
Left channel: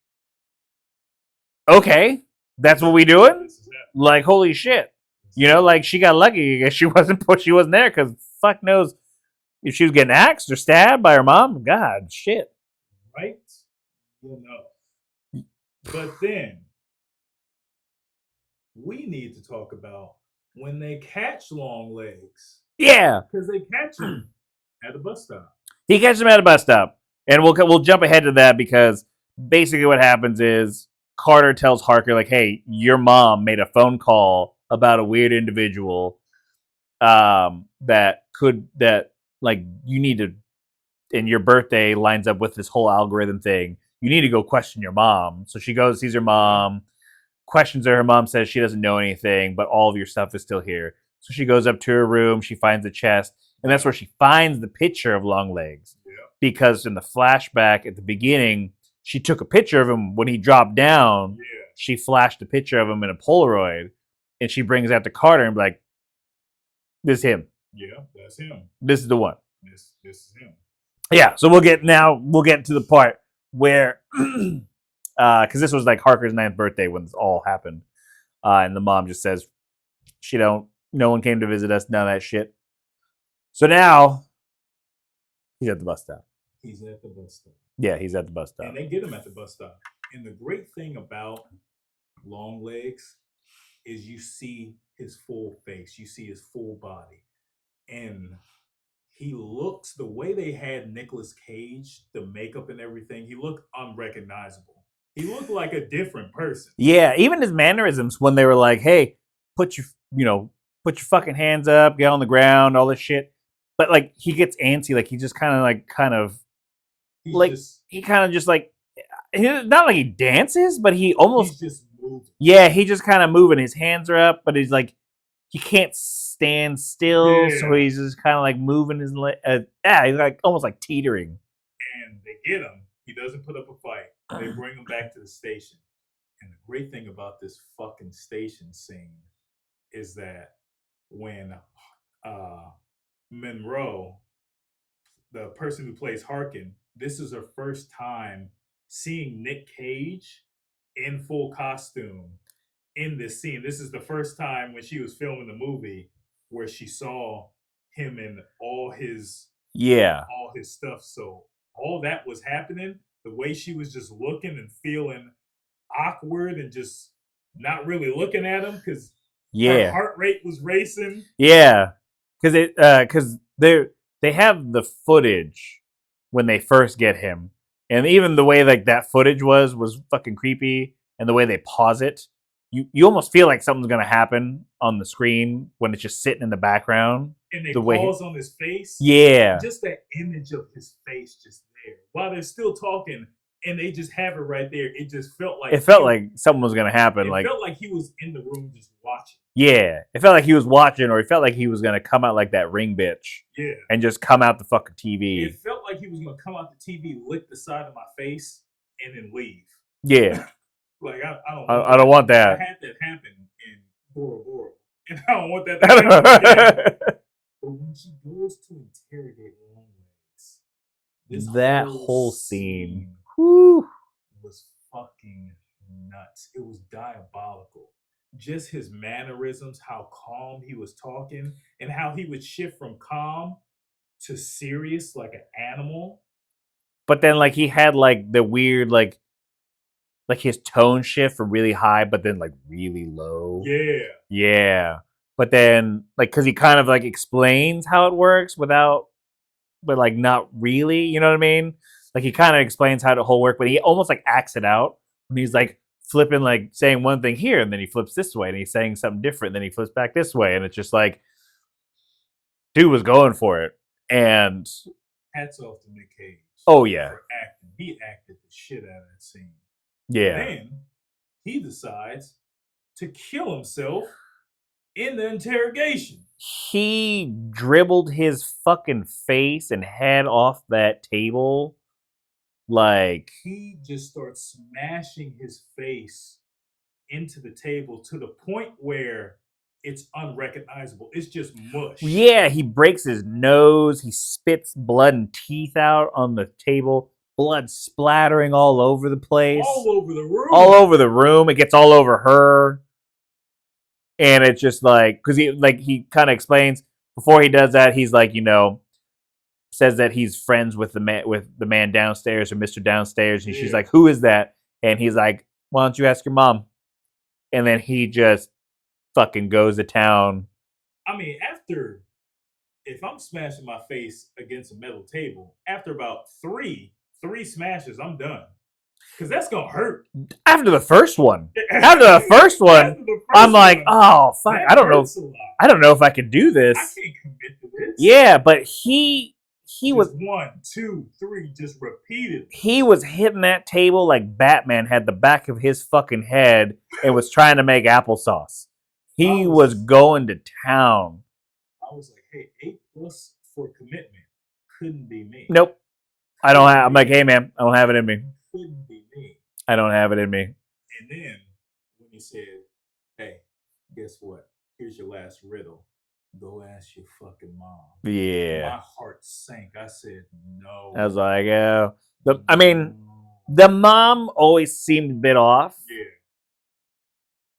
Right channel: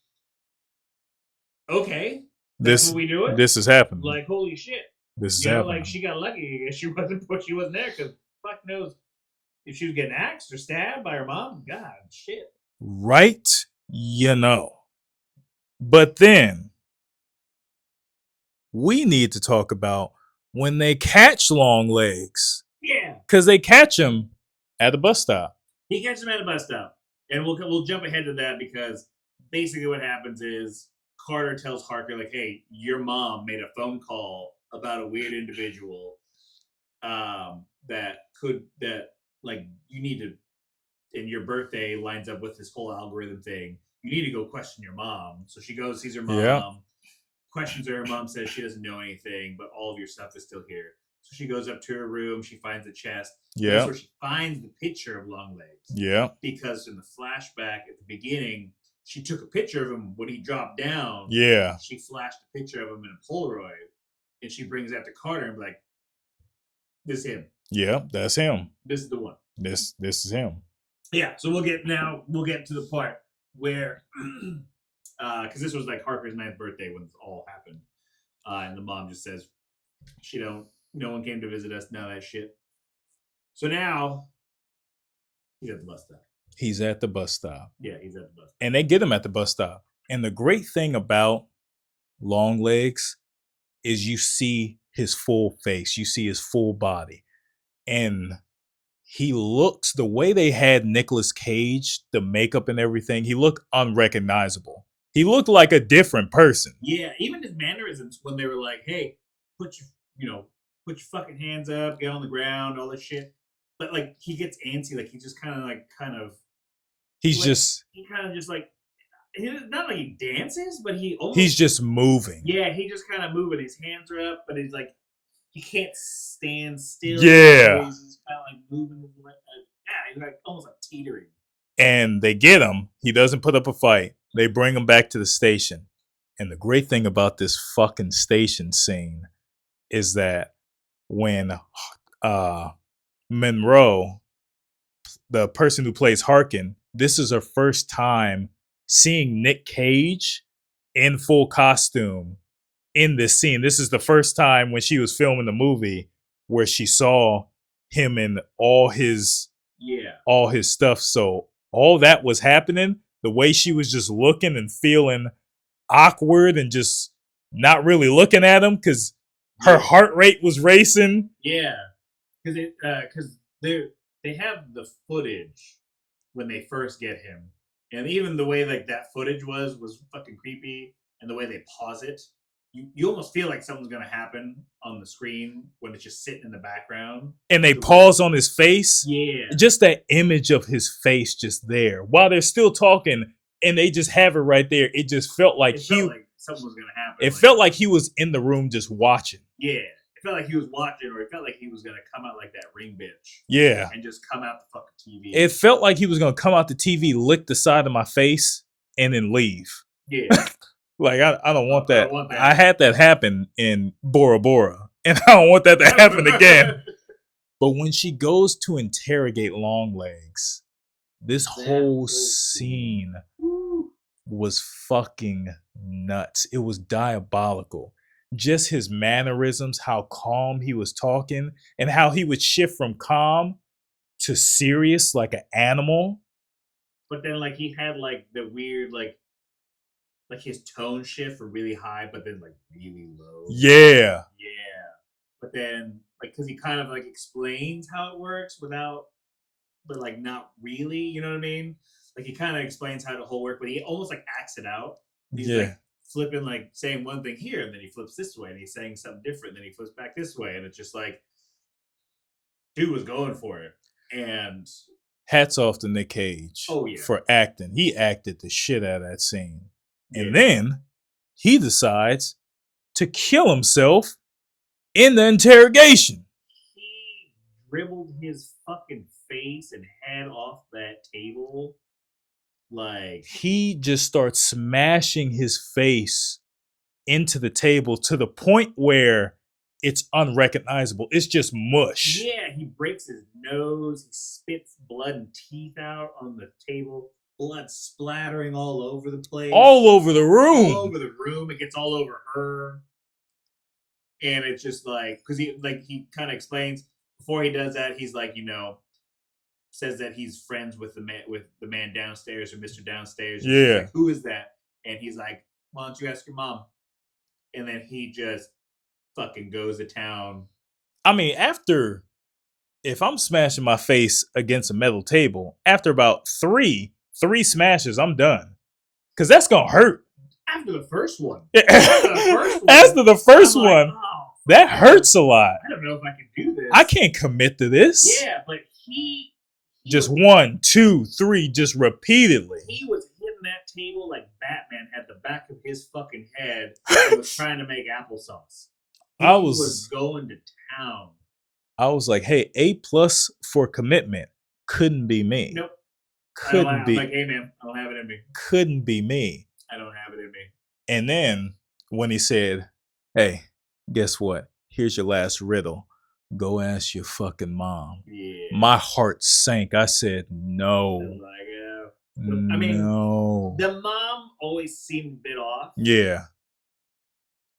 okay, that's what we doing? This is happening. Like, holy shit. Like, she got lucky. I guess she wasn't there because fuck knows if she was getting axed or stabbed by her mom. God, shit. Right? But then we need to talk about when they catch Longlegs. Yeah. Because they catch him at the bus stop. He catches him at a bus stop. And we'll jump ahead to that because basically what happens is Carter tells Harker, like, hey, your mom made a phone call about a weird individual that you need to, and your birthday lines up with this whole algorithm thing. You need to go question your mom. So she goes, sees her mom, questions her. Her mom says she doesn't know anything, but all of your stuff is still here. So she goes up to her room. She finds the chest. And that's where she finds the picture of Longlegs. Yeah. Because in the flashback at the beginning, she took a picture of him when he dropped down. Yeah. She flashed a picture of him in a Polaroid. And she brings that to Carter and be like, this is him. Yeah, that's him. This is the one. This is him. Yeah. So we'll get to the part where, because this was like Harker's 9th birthday when this all happened. And the mom just says, no one came to visit us, none of that shit. So now, he's at the bus stop. He's at the bus stop. Yeah, he's at the bus stop. And they get him at the bus stop. And the great thing about Longlegs is you see his full face. You see his full body. And he looks, the way they had Nicolas Cage, the makeup and everything, he looked unrecognizable. He looked like a different person. Yeah, even his mannerisms when they were like, hey, put your fucking hands up, get on the ground, all this shit. But like he gets antsy, like he just kind of he's not like he dances, but he's just moving. Yeah, he just kind of moving. His hands are up, but he's like he can't stand still. Yeah, so he's just kind of like moving his he's like almost like teetering. And they get him. He doesn't put up a fight. They bring him back to the station. And the great thing about this fucking station scene is that when Monroe, the person who plays Harkin, this is her first time seeing Nick Cage in full costume in this scene. This is the first time when she was filming the movie where she saw him in all his stuff. So all that was happening, the way she was just looking and feeling awkward and just not really looking at him because Yeah. Her heart rate was racing. Yeah, because they have the footage when they first get him, and even the way like that footage was fucking creepy, and the way they pause it, you almost feel like something's gonna happen on the screen when it's just sitting in the background, and they the pause on his face. Yeah, just that image of his face just there while they're still talking, and they just have it right there. It just felt like something was gonna happen. It felt like he was in the room just watching. Yeah, it felt like he was watching, or it felt like he was gonna come out like that ring bitch. Yeah, and just come out the fucking TV. It felt like he was gonna come out the TV, lick the side of my face, and then leave. Yeah, like I don't want that. I don't want that. I had that happen in Bora Bora, and I don't want that to happen again. But when she goes to interrogate Longlegs, that whole scene was fucking nuts. It was diabolical. Just his mannerisms, how calm he was talking, and how he would shift from calm to serious like an animal. But then like he had like the weird like his tone shift from really high but then like really low. Yeah. But then like because he kind of like explains how it works but like not really, you know what I mean? Like he kind of explains how the whole work, but he almost like acts it out. He's like flipping, like saying one thing here, and then he flips this way, and he's saying something different, then he flips back this way, and it's just like, dude was going for it. And hats off to Nick Cage. Oh yeah, for acting. He acted the shit out of that scene. Yeah. And then he decides to kill himself in the interrogation. He dribbled his fucking face and head off that table. Like, he just starts smashing his face into the table to the point where it's unrecognizable. It's just mush. Yeah, he breaks his nose. He spits blood and teeth out on the table. Blood splattering all over the place. All over the room. All over the room. It gets all over her. And it's just like, because he kind of explains before he does that, he's like, says that he's friends with the man downstairs, or Mr. Downstairs. And she's like, who is that? And he's like, why don't you ask your mom? And then he just fucking goes to town. I mean, if I'm smashing my face against a metal table, after about three smashes, I'm done. Because that's going to hurt. After the first one. I'm like, oh, fuck. That hurts a lot. I don't know if I can do this. I can't commit to this. Yeah, but he just 1, 2, 3, just repeatedly. He was hitting that table like Batman had the back of his fucking head and was trying to make applesauce. He was going to town. I was like, hey, A+ for commitment. Couldn't be me. Nope. I'm like, hey man, I don't have it in me. Couldn't be me. I don't have it in me. And then when he said, hey, guess what? Here's your last riddle. Go ask your fucking mom. Yeah. My heart sank. I said, no. I was like, the mom always seemed a bit off. Yeah.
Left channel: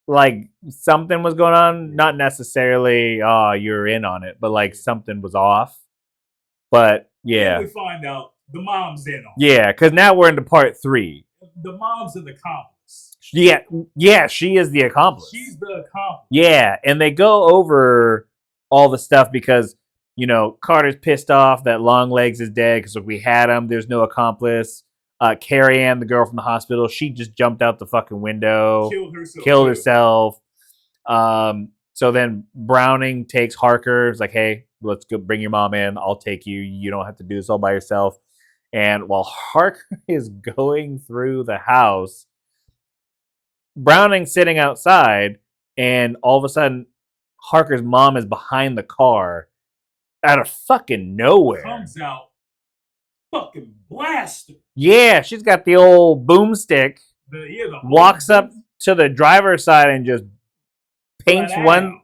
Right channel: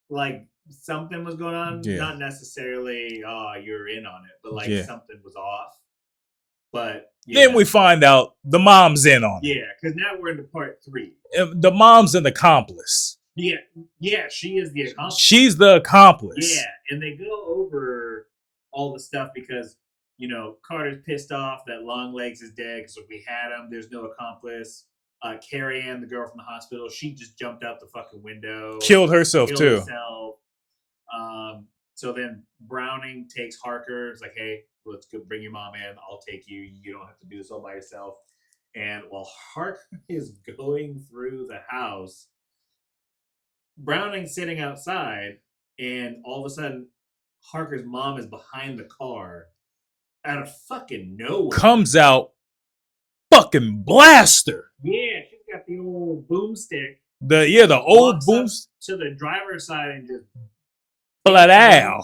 Like something was going on. Yeah. Not necessarily, you're in on it, but like something was off. But yeah. Then we find out the mom's in on it. Yeah, because now we're into part 3. The mom's an accomplice. Yeah, she is the accomplice. She's the accomplice. Yeah, and they go over all the stuff because, Carter's pissed off that Longlegs is dead because we had him. There's no accomplice. Carrie Ann, the girl from the hospital, she just jumped out the fucking window. Killed herself. So then Browning takes Harker. It's like, hey, let's go bring your mom in. I'll take you. You don't have to do this all by yourself. And while Harker is going through the house, Browning's sitting outside, and all of a sudden, Harker's mom is behind the car out of fucking nowhere. Comes out, fucking blaster. Yeah, she's got the old boomstick. The old walks up to the driver's side and just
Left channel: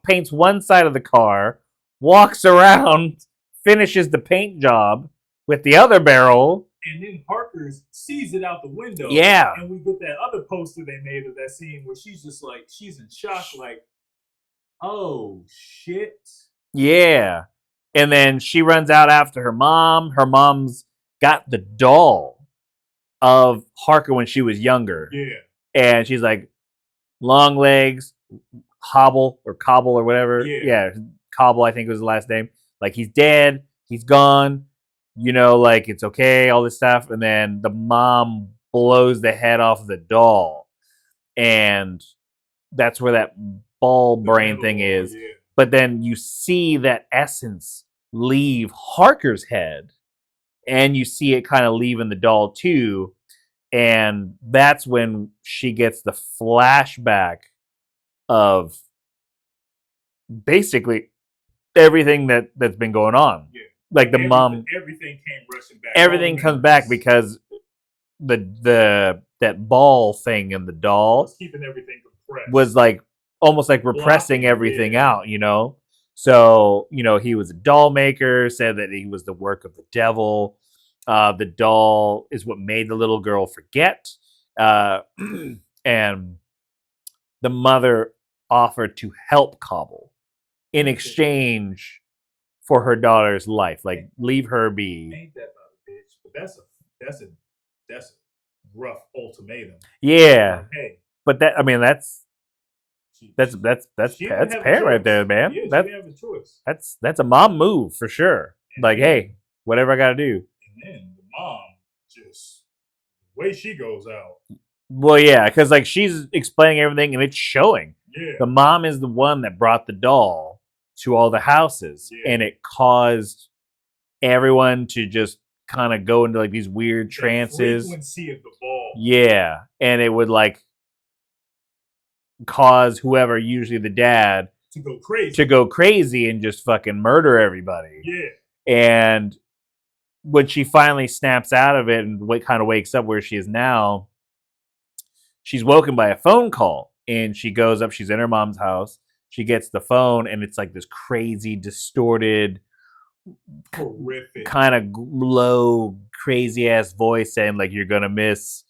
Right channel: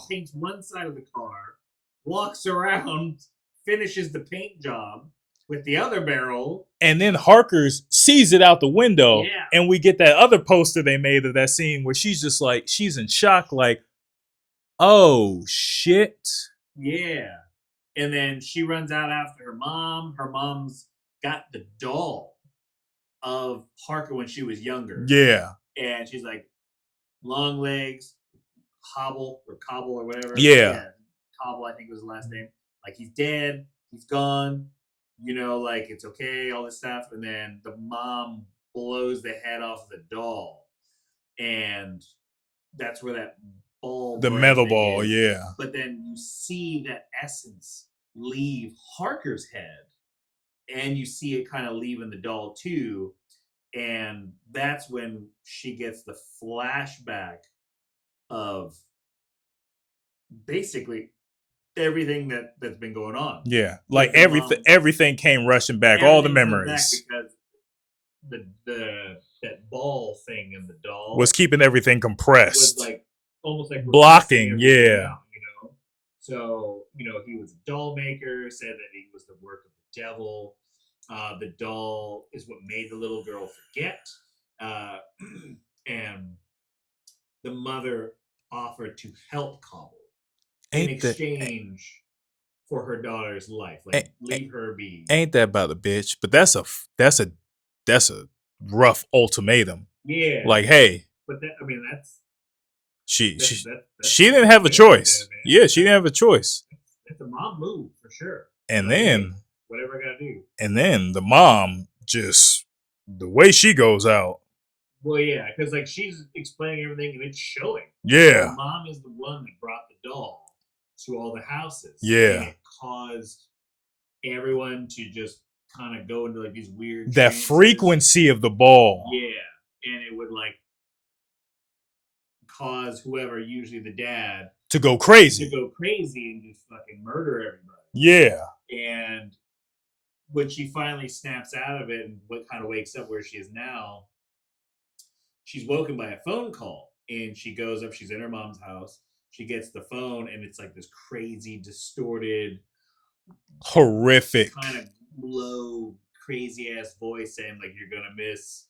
paints one side of the car, walks around, finishes the paint job with the other barrel. And then Harker's sees it out the window. Yeah. And we get that other poster they made of that scene where she's just like, she's in shock, like, oh, shit. Yeah. And then she runs out after her mom. Her mom's got the doll of Harker when she was younger. Yeah. And she's like, Longlegs, Hobble or whatever. Yeah. Cobble, I think was the last name. Like, he's dead, he's gone, like, it's okay, all this stuff. And then the mom blows the head off the doll. And that's where that ball The brain metal thing ball, is. yeah. But then you see that essence leave Harker's head, and you see it kind of leaving the doll too. And that's when she gets the flashback of basically everything that's been going on. Yeah. Like the mom, everything came rushing back. everything all the memories comes back because that ball thing in the doll was keeping everything compressed. was like almost like repressing Blocking, everything yeah. out, So, he was a doll maker, said that he was the work of the devil. The doll is what made the little girl forget. And the mother offered to help Cobble in exchange for her daughter's life. Like, leave her be. Ain't that about a bitch? But that's a rough ultimatum. Yeah. Like, hey, but that's she that's didn't have a it choice, right there, man. Yeah, she didn't have a choice. That's a mom move for sure. And like, then, hey, whatever I gotta do. And then the mom just the way she goes out. Well, yeah, because like she's explaining everything and it's showing. Yeah. The mom is the one that brought the doll to all the houses. Yeah. And it caused everyone to just kind of go into like these weird trances. That frequency of the ball. Yeah. And it would like cause whoever, usually the dad, to go crazy and just fucking murder everybody. Yeah. And when she finally snaps out of it and kind of wakes up where she is now, she's woken by a phone call, and she goes up. She's in her mom's house. She gets the phone, and it's like this crazy, distorted, horrific, kind of low, crazy ass voice saying like, "You're gonna miss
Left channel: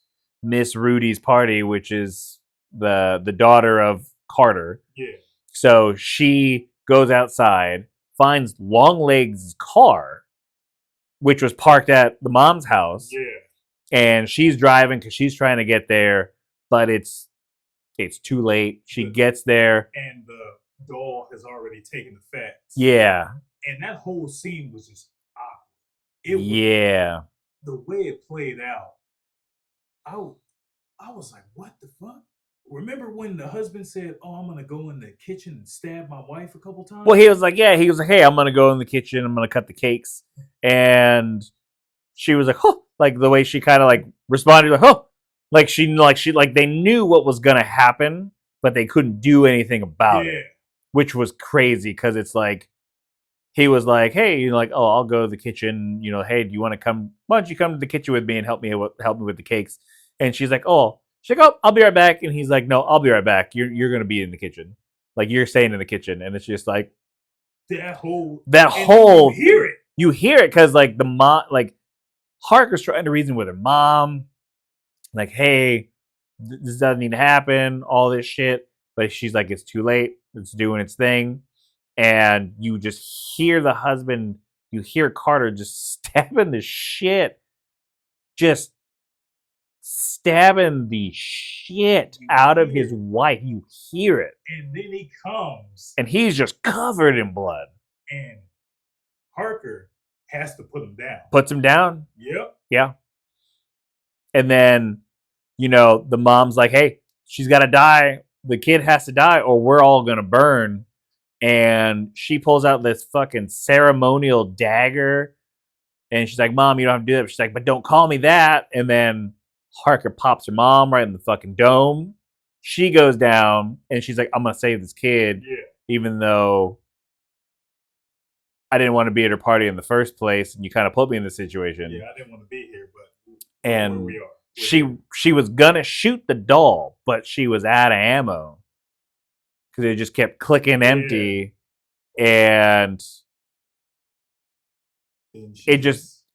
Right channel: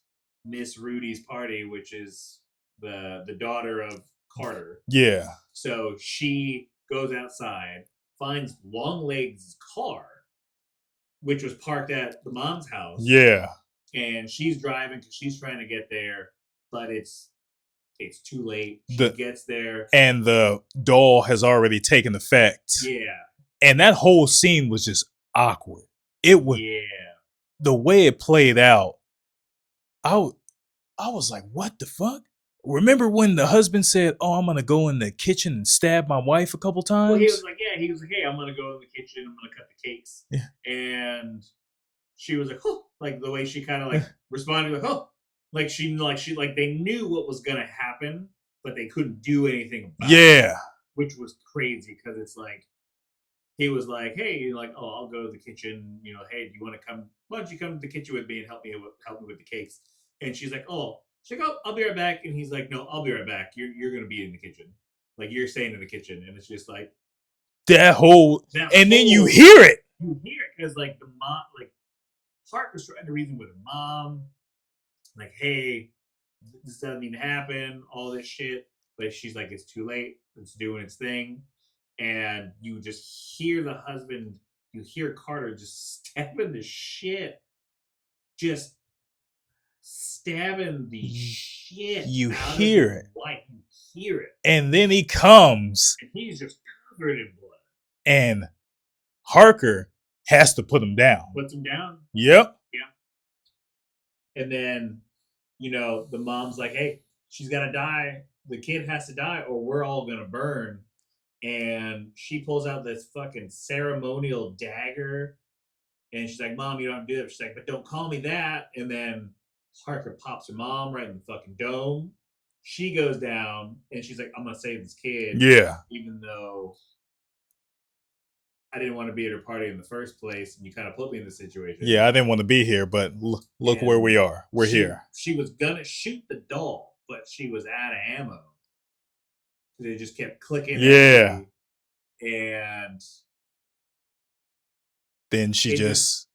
Rudy's party," which is the daughter of Carter. Yeah. So she goes outside, finds Longlegs' car, which was parked at the mom's house. Yeah. And she's driving because she's trying to get there, but it's too late. She gets there, and the doll has already taken effect. Yeah. And that whole scene was just awkward. It was, yeah. The way it played out, I was like, what the fuck? Remember when the husband said, "Oh, I'm gonna go in the kitchen and stab my wife a couple times"? Well, he was like, "Hey, I'm gonna go in the kitchen. I'm gonna cut the cakes." Yeah. And she was like, "Oh," like the way she kind of like responded, like, "Oh," like she they knew what was gonna happen, but they couldn't do anything about it. Yeah, which was crazy because it's like he was like, "Hey, like, oh, I'll go to the kitchen. Hey, do you want to come? Why don't you come to the kitchen with me and help me with the cakes?" And she's like, "Oh." She's like, "Oh, I'll be right back." And he's like, "No, I'll be right back. You're gonna be in the kitchen. Like, you're staying in the kitchen." And it's just like that whole then you hear it. You hear it because like the mom, like Harker's trying to reason with her mom, like, "Hey, this doesn't need to happen. All this shit." But she's like, "It's too late. It's doing its thing." And you just hear the husband. You hear Carter just stabbing the shit. Just stabbing the shit out of his wife. You hear it. And then he comes. And he's just covered in blood. And Harker has to put him down. Puts him down? Yep. Yeah. And then, the mom's like, "Hey, she's got to die. The kid has to die or we're all going to burn." And she pulls out this fucking ceremonial dagger. And she's like, "Mom, you don't have to do that." She's like, "But don't call me that." And then Harker pops her mom right in the fucking dome. She goes down and she's like, "I'm going to save this kid." Yeah. Even though I didn't want to be at her party in the first place. And you kind of put me in this situation. Yeah, I didn't want to be here, but look where we are. We're here. She was going to shoot the doll, but she was out of ammo. Because it just kept clicking empty. And then it just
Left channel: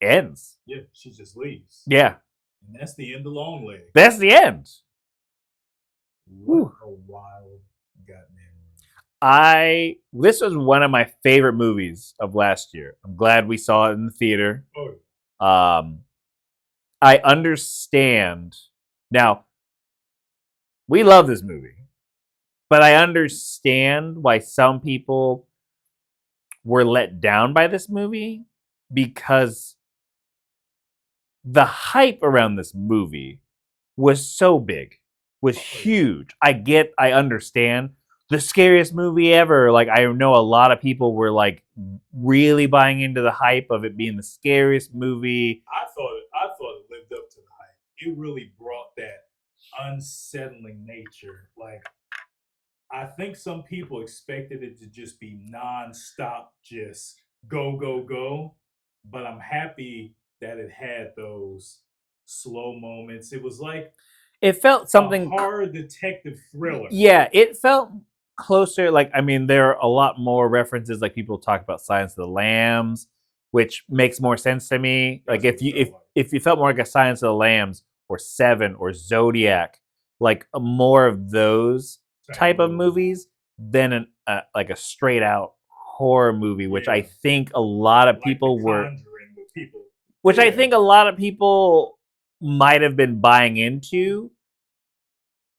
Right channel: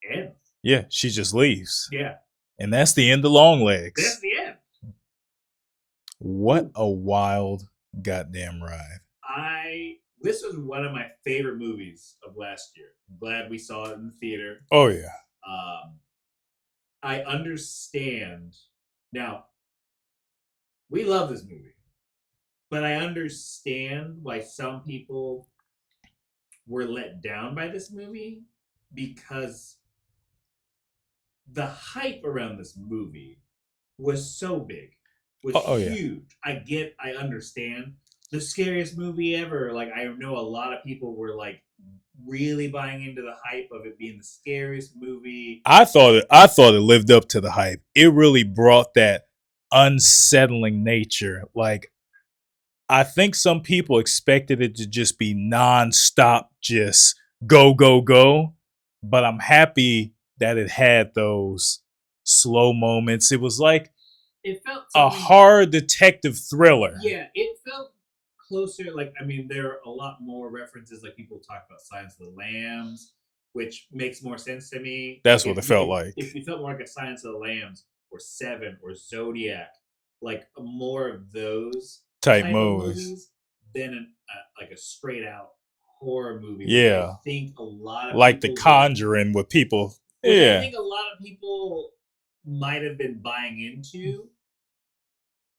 ends. Yeah, she just leaves. Yeah. And that's the end of Longlegs. That's the end. What a wild goddamn ride. This was one of my favorite movies of last year. I'm glad we saw it in the theater. Oh yeah. I understand. Now, we love this movie. but I understand why some people were let down by this movie because the hype around this movie was so big, was huge. Yeah. I understand. The scariest movie ever. Like, I know a lot of people were like really buying into the hype of it being the scariest movie. I thought it lived up to the hype. It really brought that unsettling nature. Like, I think some people expected it to just be nonstop, just go, go, go. But I'm happy that it had those slow moments. It was like it felt something a horror detective thriller. Yeah, it felt closer. Like, I mean, there are a lot more references. Like, people talk about Silence of the Lambs, which makes more sense to me. That's like, what it felt like. If you felt more like a Silence of the Lambs or Seven or Zodiac, like more of those type of movies than like a straight out horror movie, which I think a lot of like people The Conjuring with people, which I think a lot of people might have been buying into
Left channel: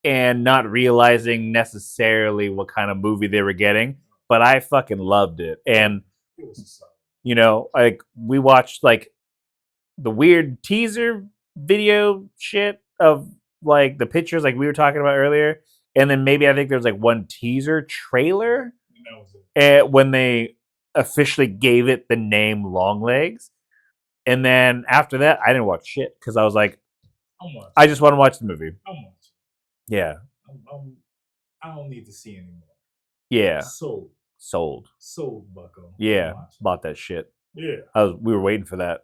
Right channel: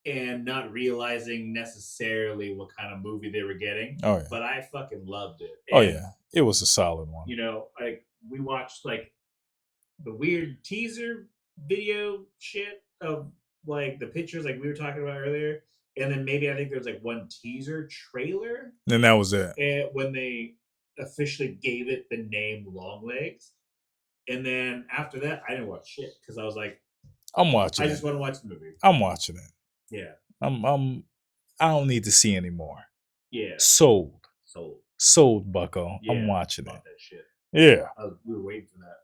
and not realizing necessarily what kind of movie they were getting. Oh, yeah. But I fucking loved it. And it was a solid one. You know, like we watched like the weird teaser video shit of like the pictures like we were talking about earlier. And then maybe I think there was like one teaser trailer. And that was it. When they officially gave it the name Longlegs. And then after that, I didn't watch shit because I was like, I'm watching. I just want to watch the movie. I'm watching it. Yeah. I don't need to see anymore. Yeah. Sold, bucko. Yeah. I'm watching. Bought that shit. Yeah. We were waiting for that.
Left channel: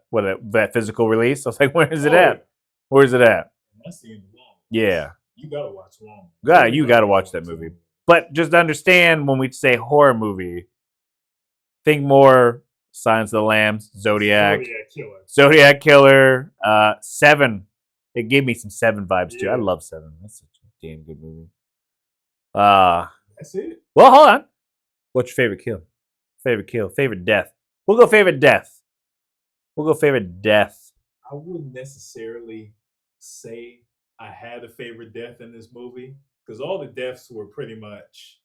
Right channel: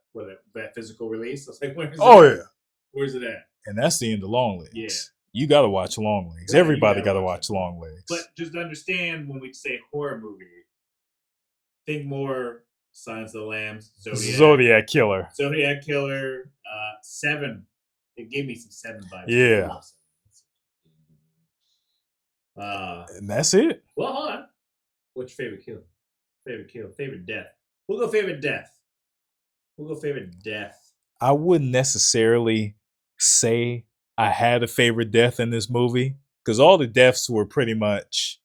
That physical release. I was like, where is it at? Yeah. Where's it at? And that's the end of Longlegs. Yeah. You gotta watch Longlegs. Yeah, you gotta watch that movie. Longlegs. But just understand when we say horror movie, think more Silence of the Lambs, Zodiac Killer. 7. It gave me some 7 vibes too. I love 7. That's such a damn good movie. And that's it. Well, hold on. What's your favorite kill? Favorite death. We'll go favorite death. I wouldn't necessarily say I had a favorite death in this movie because all the deaths were pretty much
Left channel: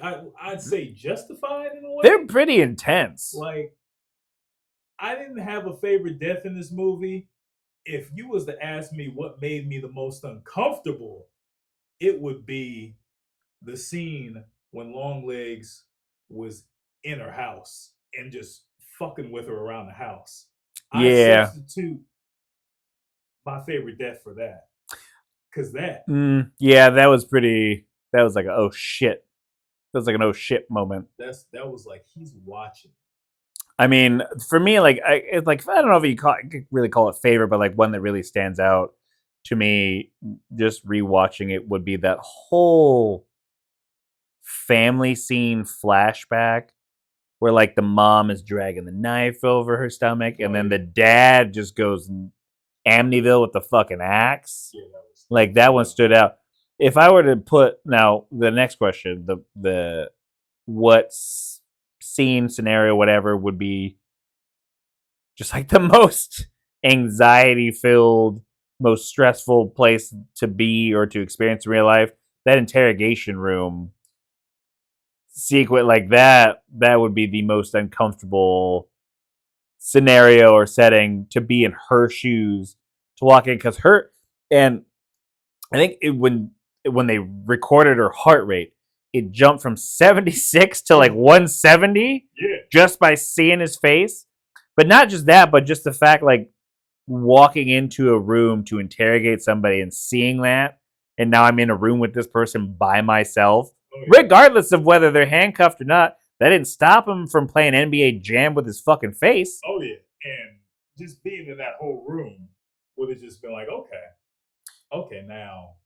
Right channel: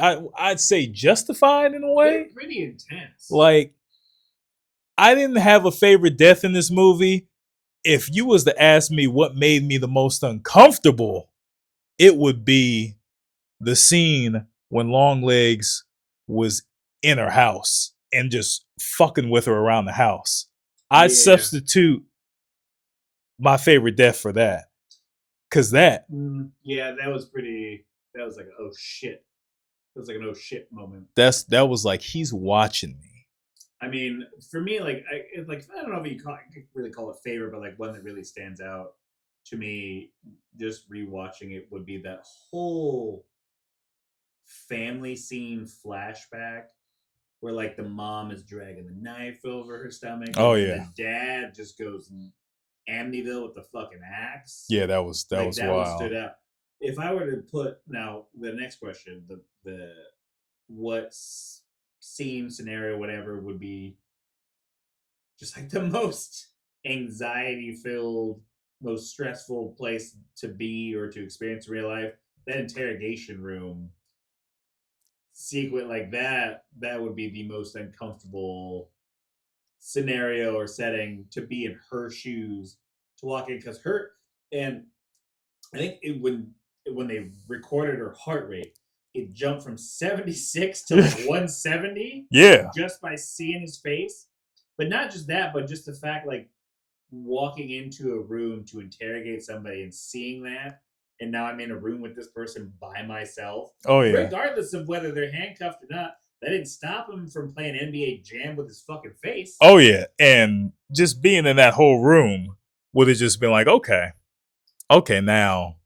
I'd say justified in a way. They're pretty intense. Like, I didn't have a favorite death in this movie. If you was to ask me what made me the most uncomfortable, it would be the scene when Longlegs was in her house and just fucking with her around the house. I'd substitute my favorite death for that. Cause that was like oh shit. That was like an oh shit moment. That was like he's watching me. I mean, for me, like it's like I don't know if you really call it favorite, but like one that really stands out to me, just rewatching it, would be that whole family scene flashback where like the mom is dragging the knife over her stomach, and then the dad just goes Amityville with the fucking axe. Yeah, that was one stood out. If I were to put now the next question, the what scene, scenario, whatever would be just like the most anxiety filled, most stressful place to be or to experience in real life, that interrogation room sequence like that would be the most uncomfortable scenario or setting to be in her shoes, to walk in, because and I think when they recorded her heart rate, it jumped from 76 to like 170. Yeah. Just by seeing his face. But not just that, but just the fact like walking into a room to interrogate somebody and seeing that. And now I'm in a room with this person by myself. Oh, yeah. Regardless of whether they're handcuffed or not. That didn't stop him from playing NBA Jam with his fucking face. Oh, yeah. And just being in that whole room would have just been like, okay, now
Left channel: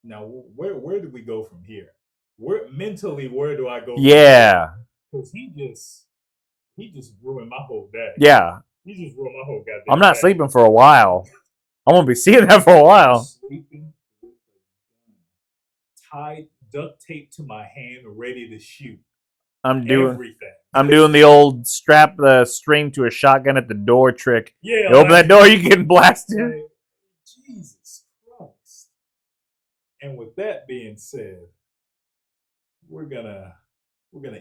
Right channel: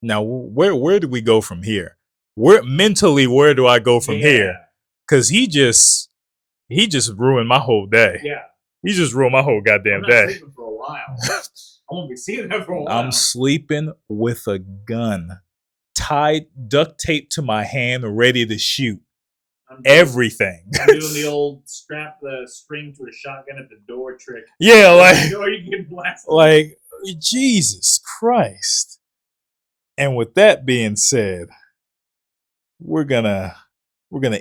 where do we go from here? Where do I go from here? Because he just ruined my whole day. Yeah. He just ruined my whole goddamn day. I'm not sleeping for a while. I'm going to be seeing that for a while. I'm sleeping with a gun tied, duct taped to my hand, ready to shoot. Everything. I'm doing the old strap the string to a shotgun at the door trick. Yeah. Open that door, you get blasted. Like, Jesus Christ. And with that being said, we're gonna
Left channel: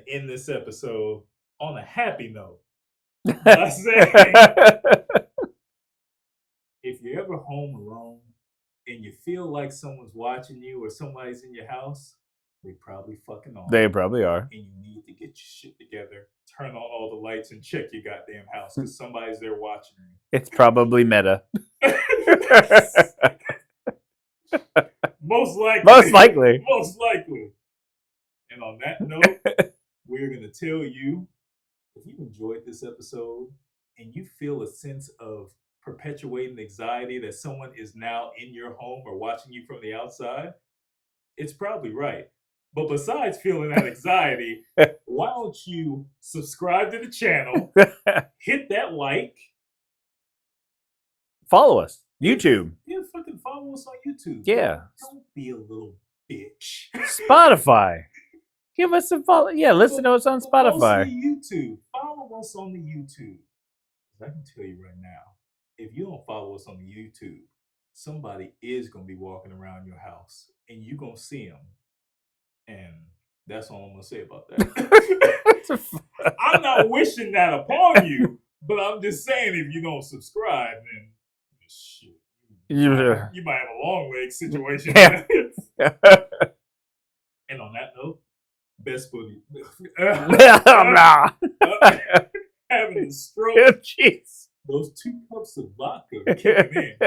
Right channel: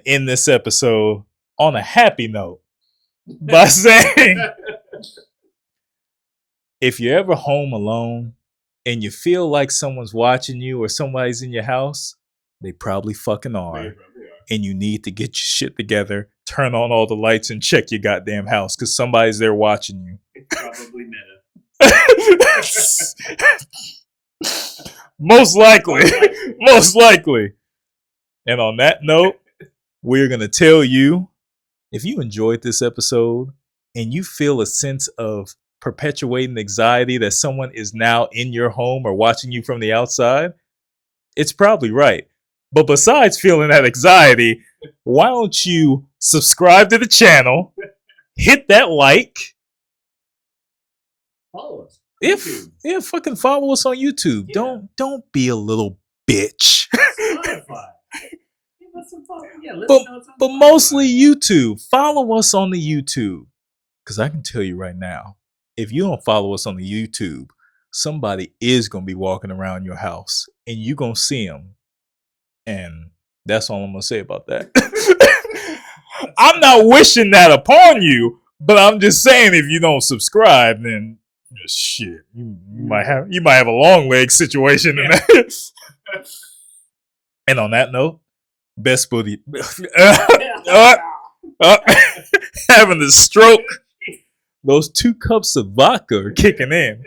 end this episode on a happy note by saying, if you're ever home alone and you feel like someone's watching you or somebody's in your house, they probably fucking are. They probably are. And you need to get your shit together, turn on all the lights, and check your goddamn house because somebody's there watching you. It's probably Meta. Most likely. Most likely. Most likely. And on that note, we're going to tell you, if you enjoyed this episode and you feel a sense of perpetuating anxiety that someone is now in your home or watching you from the outside, it's probably right. But besides feeling that anxiety, why don't you subscribe to the channel, hit that like, follow us. YouTube. Yeah, fucking follow us on YouTube. Yeah. Don't be a little bitch. Spotify. Give us a follow. Yeah, listen to us on but Spotify. Mostly YouTube. Follow us on the YouTube. Because I can tell you right now, if you don't follow us on the YouTube, somebody is going to be walking around your house and you're going to see them. And that's all I'm going to say about that. I'm not wishing that upon you, but I'm just saying if you don't subscribe, then shit, you might have a Longlegs situation. Yeah. And on that note, best buddy having a stroke. Those 2 cups of vodka are kicking in.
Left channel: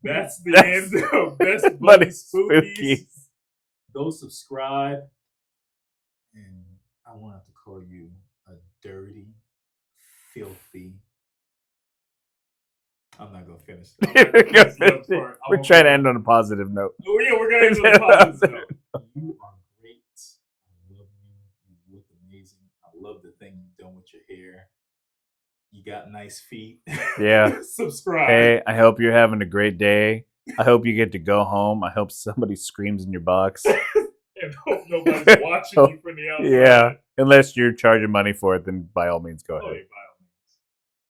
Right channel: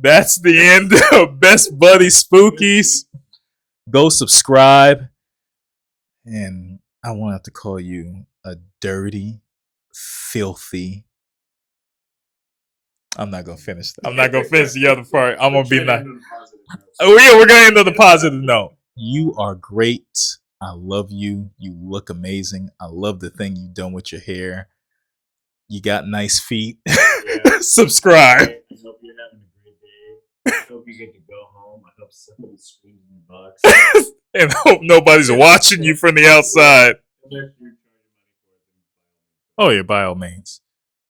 That's the end of Best Buddy Spookies. Go subscribe. And I won't have to call you a dirty, filthy. I'm not gonna finish. I'm not gonna finish the other part. I'm gonna try to end on a positive note. Oh yeah, we're gonna end on a positive note. You are great. I love you. You look amazing. I love the thing you've done with your hair. You got nice feet. Yeah. Subscribe. Hey, I hope you're having a great day. I hope you get to go home. I hope somebody screams in your box. And hope nobody's watching you from the outside. Yeah. Unless you're charging money for it, then by all means go ahead. Oh yeah, by all means.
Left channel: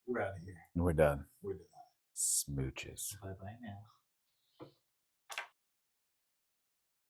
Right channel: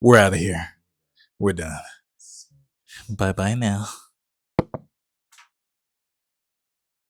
We're out of here. We're done. We're done. Smooches. Bye-bye now.